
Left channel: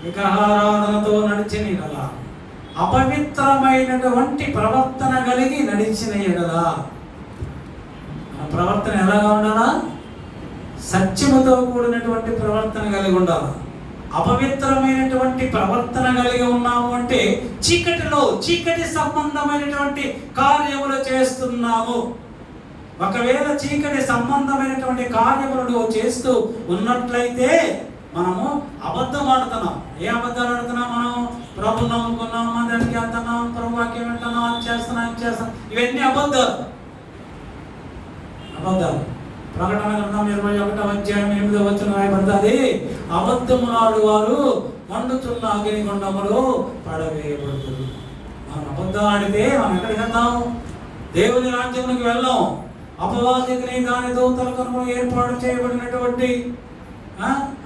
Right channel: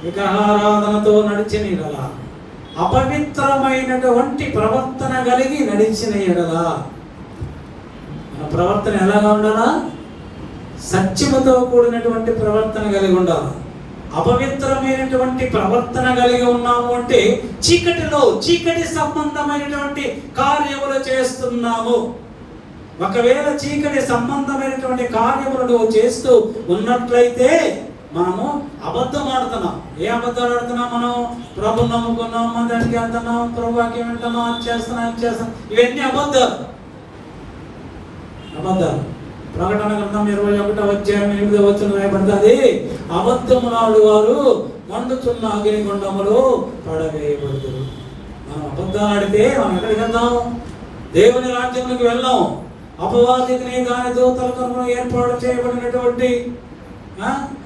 విగ్రహారాధనతో నడిచిన ఎడలా, అపవిత్రమైనటువంటి ప్రవర్తన కలిగి నడిచిన ఎడలా, మన ప్రవర్తన ఎలాగా ఉండాలా? సత్యముతో కూడినటువంటి ప్రవర్తన కలిగి ఉండాలి. అపవిత్రమైనటువంటి ప్రవర్తన కలిగి ఉన్నాము అంటే చీకటి సంబంధమైనటువంటి కార్యములు చేస్తున్నాము. ఒకవేళ చీకటి సంబంధమైనటువంటి కార్యములను చేస్తూ ఉన్నట్లయితే మనము అబద్ధం ఆడుతున్నాం. ఏ అబద్ధాలు ఆడుతున్నాం? మనం ప్రభు నమ్ముకున్నాం, మందిరానికి వెళ్తున్నాం, ప్రభు వాక్యం వింటున్నాం, అది చేస్తున్నాం, ఇది చేస్తున్నాం. ఇవన్నీ అబద్ధాలు. ప్రకటన గ్రంథం 21వ అధ్యాయం 8వ వచనం రాయబడుతుంది, అబద్ధములాడు వారు మండుచున్న అగ్నిగుండములో పడవేయబడుదురు. మనం అబద్ధాలు ఆడితే మనం ఎక్కడికి వెళ్తాము? దేవుని రాజ్యంలోకి వెళ్ళాం. అపవాదిని దాని దూతలకు ఏర్పాటు చేయబడినటువంటి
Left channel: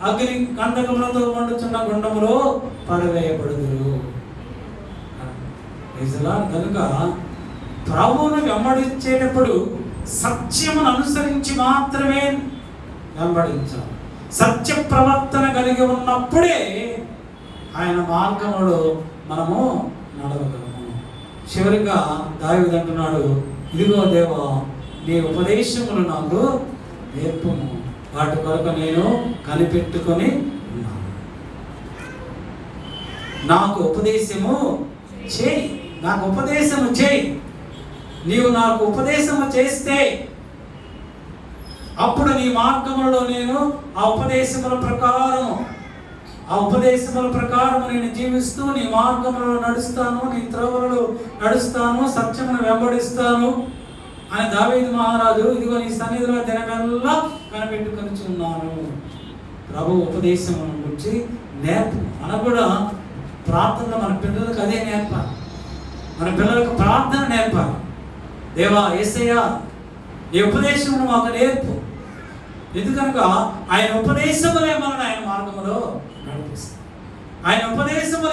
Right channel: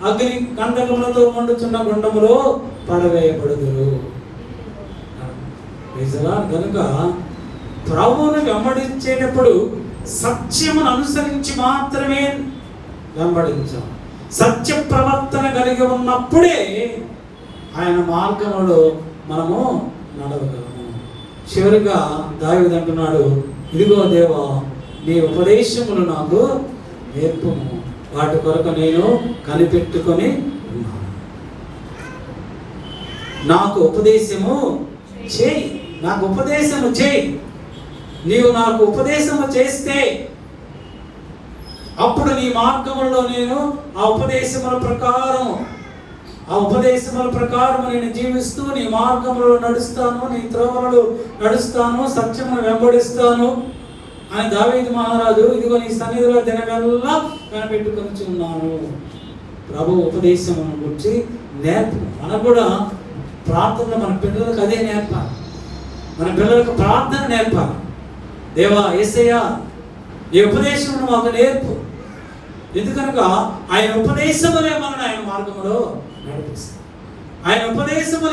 అగ్ని కందకములతో మండుచున్న గుండములో పడవేయబడుదురు. కనుక ప్రభువును వెంబడించేటప్పుడు సత్యమును అనుసరించి మాత్రమే వెంబడించాం. సత్య ప్రవర్తన కలిగి ఉన్నప్పుడే ఆయన మార్గములో మనము నడవగలము. చివరిగా దావీదు అంటున్నాడు, ఇదిగో దేవా, నీ ఉపదేశములు నాకు నేర్పుము, వాటి కొరకు నేను కనిపెట్టుకొని ఉన్నాను. నాకు ఉపదేశము చేయి, నాకు ఉపదేశము చేయి. నీవు నాకు ఉపదేశము చేస్తే అప్పుడు నీ మార్గములో నేను ఆ ఉపదేశముల ప్రకారం నేను జీవిస్తూ నీ మార్గములో నడుస్తాను, నీ త్రోవలలో నడుస్తాను, సత్యమును వెంబడిస్తాను అని దావీదు మహారాజు ఇదిగో నీ సన్నిధిలో దినమెల్లా కనిపెట్టుకొని ఉన్నాను. ప్రభు ఉపదేశమును గురించి నేర్పు. మనకు కూడా ప్రార్థనలో మన పిల్లలకు అదే నేర్పాలి. మన పిల్లలకు ప్రార్థన నేర్పాలి. దేవా, యేసయ్యా, నీ ఉపదేశమును మాకు నేర్పు. ఎందుకనగా ఆయన ఉపదేశములే మనల్ని ఆయన మార్గములో నడిపిస్తాయి. ఆయన ఉపదేశం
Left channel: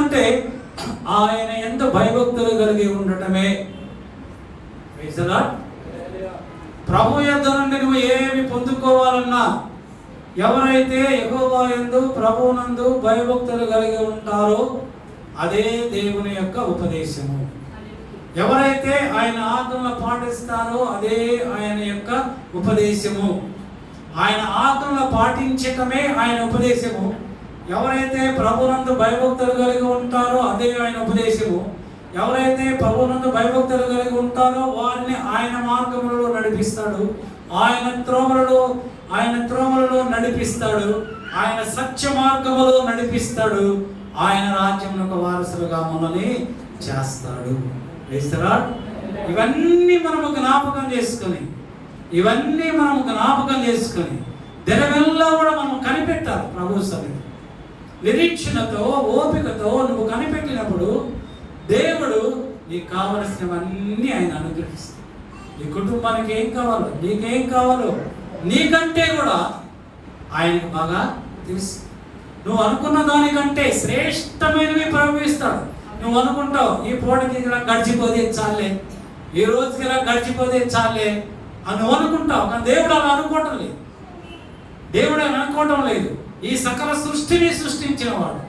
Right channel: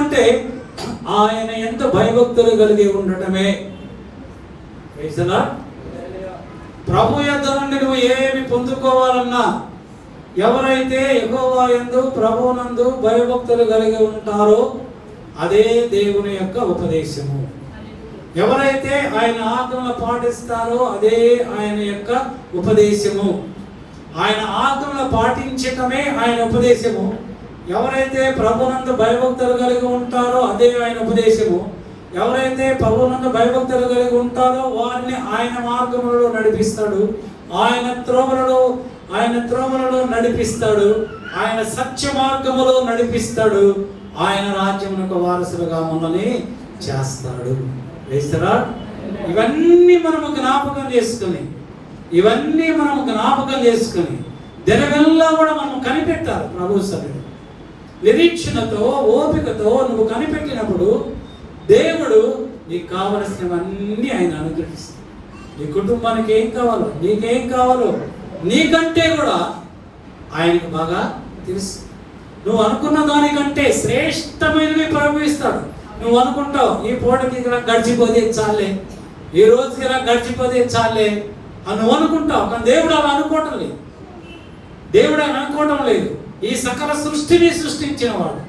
అంటే ఆయన ఎంత భయభక్తులు కలిగి ఉండటమే. ప్రభు యొద్ద నుండి నువ్వు ఏమి పొందుకోవాలన్నా, ఎవరైతే యెహోవా యందు ప్రభువునందు భయభక్తులు కలిగి ఉంటారో అదే దేవుని యొక్క ఉపదేశము. ఎవరైతే ఆయన ఆజ్ఞలను పాటిస్తారో అదే ఆయన యొక్క ఉపదేశము. ఆయన ఆజ్ఞలను పాటించటమే ఆయన ఉపదేశము. ఎవరైతే ప్రభువునందు భయభక్తులు కలిగి ఉంటారో అదే ఆయన ఉపదేశము. ఎవరైతే ప్రభువునందు భయభక్తులు కలిగి ఉంటారో వారిని ఆయన మార్గములలో నడిపిస్తాడు, ఆయన త్రోమలలో నడిపిస్తాడు, ఆయన సత్య మార్గములో నడిపిస్తాడు, ఆయన రాజ్యమునకు వారసులుగా మనల్ని చేస్తాడు. వేస్తారా? ఇవన్నీ మనము జ్ఞాపకం చేసుకుని దినమెల్లా కూడా మనం కనిపెట్టాలి. ప్రభు సన్నిధిలో నిరీక్షణతో, ఓపికతో నువ్వు కనిపెట్టినప్పుడు దేవుడు నీకు కావలసినవన్నీ ఆయన అనుగ్రహిస్తాడు. నీ కుటుంబానికి ఏం కావాలో, నీకేం కావాలో నీకంటే కూడా ఆయనకు బాగా తెలుసు. నువ్వు అనుకున్న దానికంటే శ్రేష్టమైనవి ప్రవహిస్తాడు. నువ్వు అనుకుంటావు ఈ పూటకి ఇక్కడ గడిచిపోతే చాలే, ఈ రోజుకి ఇలా గడిచిపోతే చాలే అని నువ్వు అనుకుంటావు. కానీ దేవుడు అలా అనుకోవటం లేదు. ఈ సకల సృష్టిని సృష్టించిన వాడు,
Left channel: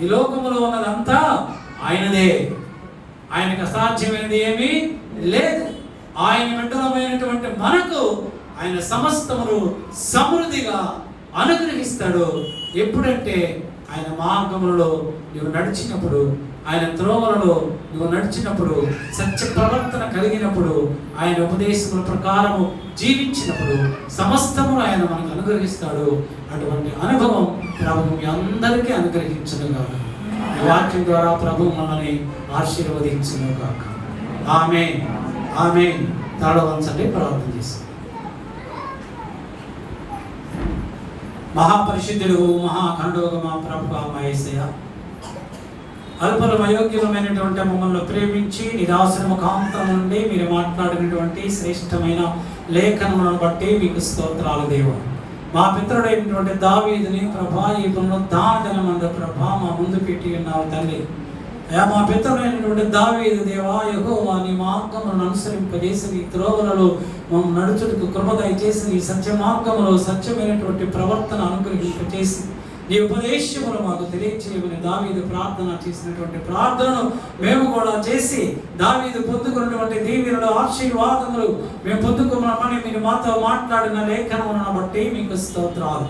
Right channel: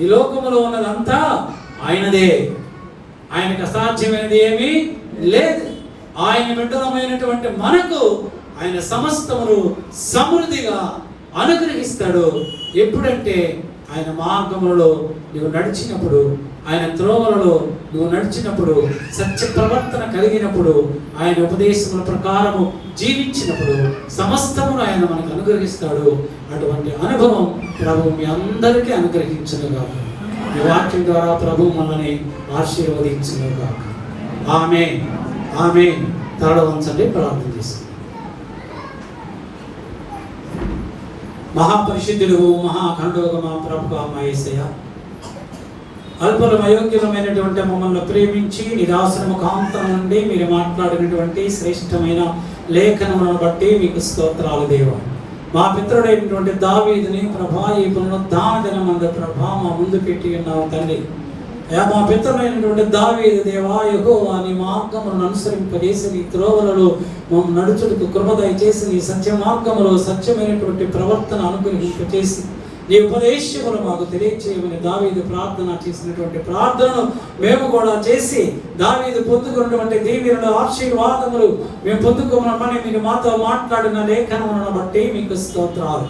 ఈ లోకములో ఉన్నదంతా ఆయనదే. ఆయనకు అసాధ్యమైనది ఏమీ లేదు. ఆయన బిడ్డలమైనటువంటి మనకు ఆయన సమస్తమును సమృద్ధిగా అనుగ్రహిస్తాడు. ఎప్పుడంటే ఆయన మార్గములలో నువ్వు నడిచినప్పుడు, ఆయన త్రోవలలో నువ్వు నడిచినప్పుడు, సత్య ప్రవర్తన కలిగినప్పుడు, ఆయన ఉపదేశముల ప్రకారము జీవించినప్పుడు సమస్తమును ఆయన మనకు అనుగ్రహిస్తాడు. అటువంటి అనుభవం ప్రభు మీ అందరికీ అనుగ్రహించునుగాక. ఈ వాక్యం ద్వారా ప్రభు మనల్ని ఆశీర్వదించునుగాక. ఆమేన్, ఆమేన్. తల వంచండి, ప్రార్థన చేస్తాం. మహాపరిశుద్ధుడు, మహాఖండోగ మా ప్రభుగా మా యేసయ్య, అల్పలం అయోగ్యమైనటువంటి మమ్మల్ని ప్రేమించి నిదాసన ముఖాంతరం నుండి మీరు మాట్లాడినటువంటి శ్రేష్టమైన లేఖనములను బట్టి మీకు స్తోత్రాలు దేవా. మా పితరుడైనటువంటి దావీదుని ప్రభా ఈ పునరుద్ధానమందు ప్రభా మా ముందు పెట్టి ఉన్నావు తండ్రి. అయ్యా మా పితరుడైనటువంటి దావీదు దేవా యెహోవా నీ మార్గములను అనుసరింపజేసి నీ త్రోవలలో మమ్మల్ని నడుచుటకు కృప దయచేసి నీ సత్య మార్గములో సత్యమైనటువంటి ప్రవర్తన అనుగ్రహింపచేసి నీ ఉపదేశములు మాకు తెలియచేయమని దావీదు ప్రార్థన చేసినటువంటి ప్రార్థనను మేము కూడా చేసి దావీదు పొందుకున్నటువంటి దీవెనలు ఆశీర్వాదములు మేము పొందుకోమని మీరు మాతో మాట్లాడిన లేఖనములను బట్టి మీకు స్తోత్రాలు.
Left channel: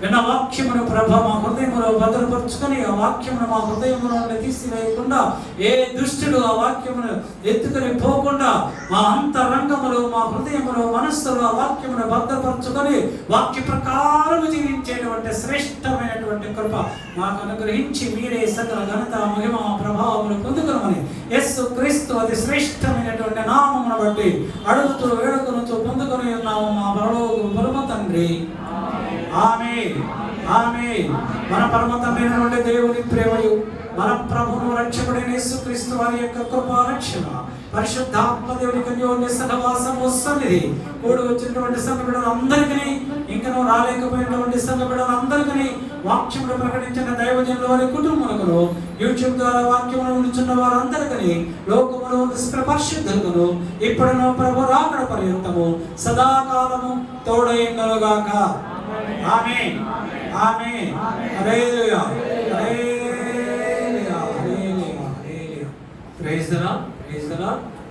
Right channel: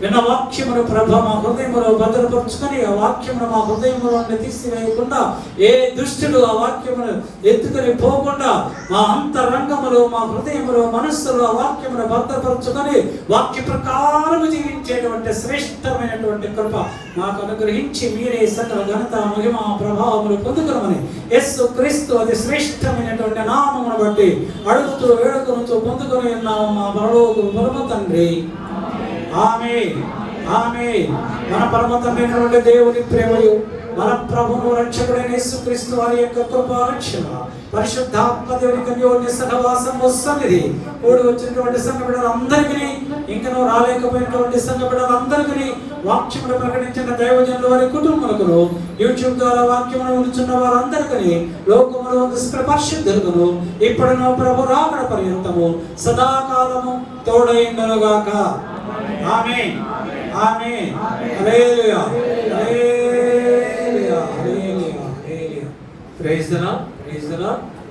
విన్న వాక్యమును ప్రభ మా హృదయములో భద్రపరుచుకొని ఆ వాక్యమును మా హృదయములో తీసివేయకుండా ఏ దుష్టుడు ఆ వాక్యమును ఎత్తుకొని పోకుండా మా అంతరంగములో మా హృదయములో మనస్సులో ఆ వాక్యమును భద్రపరుచుకొని వాక్య ప్రకారం జీవించేటువంటి శ్రేష్టమైనటువంటి కృప మాకు అనుగ్రహించి మీరే సకల ఘనత మహిమ ప్రభావములు పొందుకోమని యేసు క్రీస్తు అతి శ్రేష్టమైనటువంటి నామమును బట్టి అడుగుతూ వేడుకలతో పొందుకొని ఉన్నాము మా పరమ తండ్రి. ఆమేన్ ఆమేన్. మన పరమ తండ్రి దేవుని ప్రేమయు మన ప్రభువు రక్షకుడైన యేసుక్రీస్తు వారి యొక్క కృపా రక్షణ పరిశుద్ధాత్మ దేవుని కన్యోన్య సహవాసం వస్తున్నది. కూడి వచ్చినటువంటి సంఘ బిడ్డలందరికీ ఇంకనూ రాలేకపోయినటువంటి సంఘ బిడ్డలందరికీ వాక్యమును ప్రకటించిన దైవజనుల వారి కుటుంబాలకు యూట్యూబ్ ద్వారా వాక్యమును ఉంచున్న వారందరికీ లోకములో పరిశుద్ధులను ఇప్పుడును ప్రభు రాకడ పర్యంతము సదాకాలము తోడైండుగాక. Amen amen. Hallelujah hallelujah hallelujah. Praise the lord praise the lord.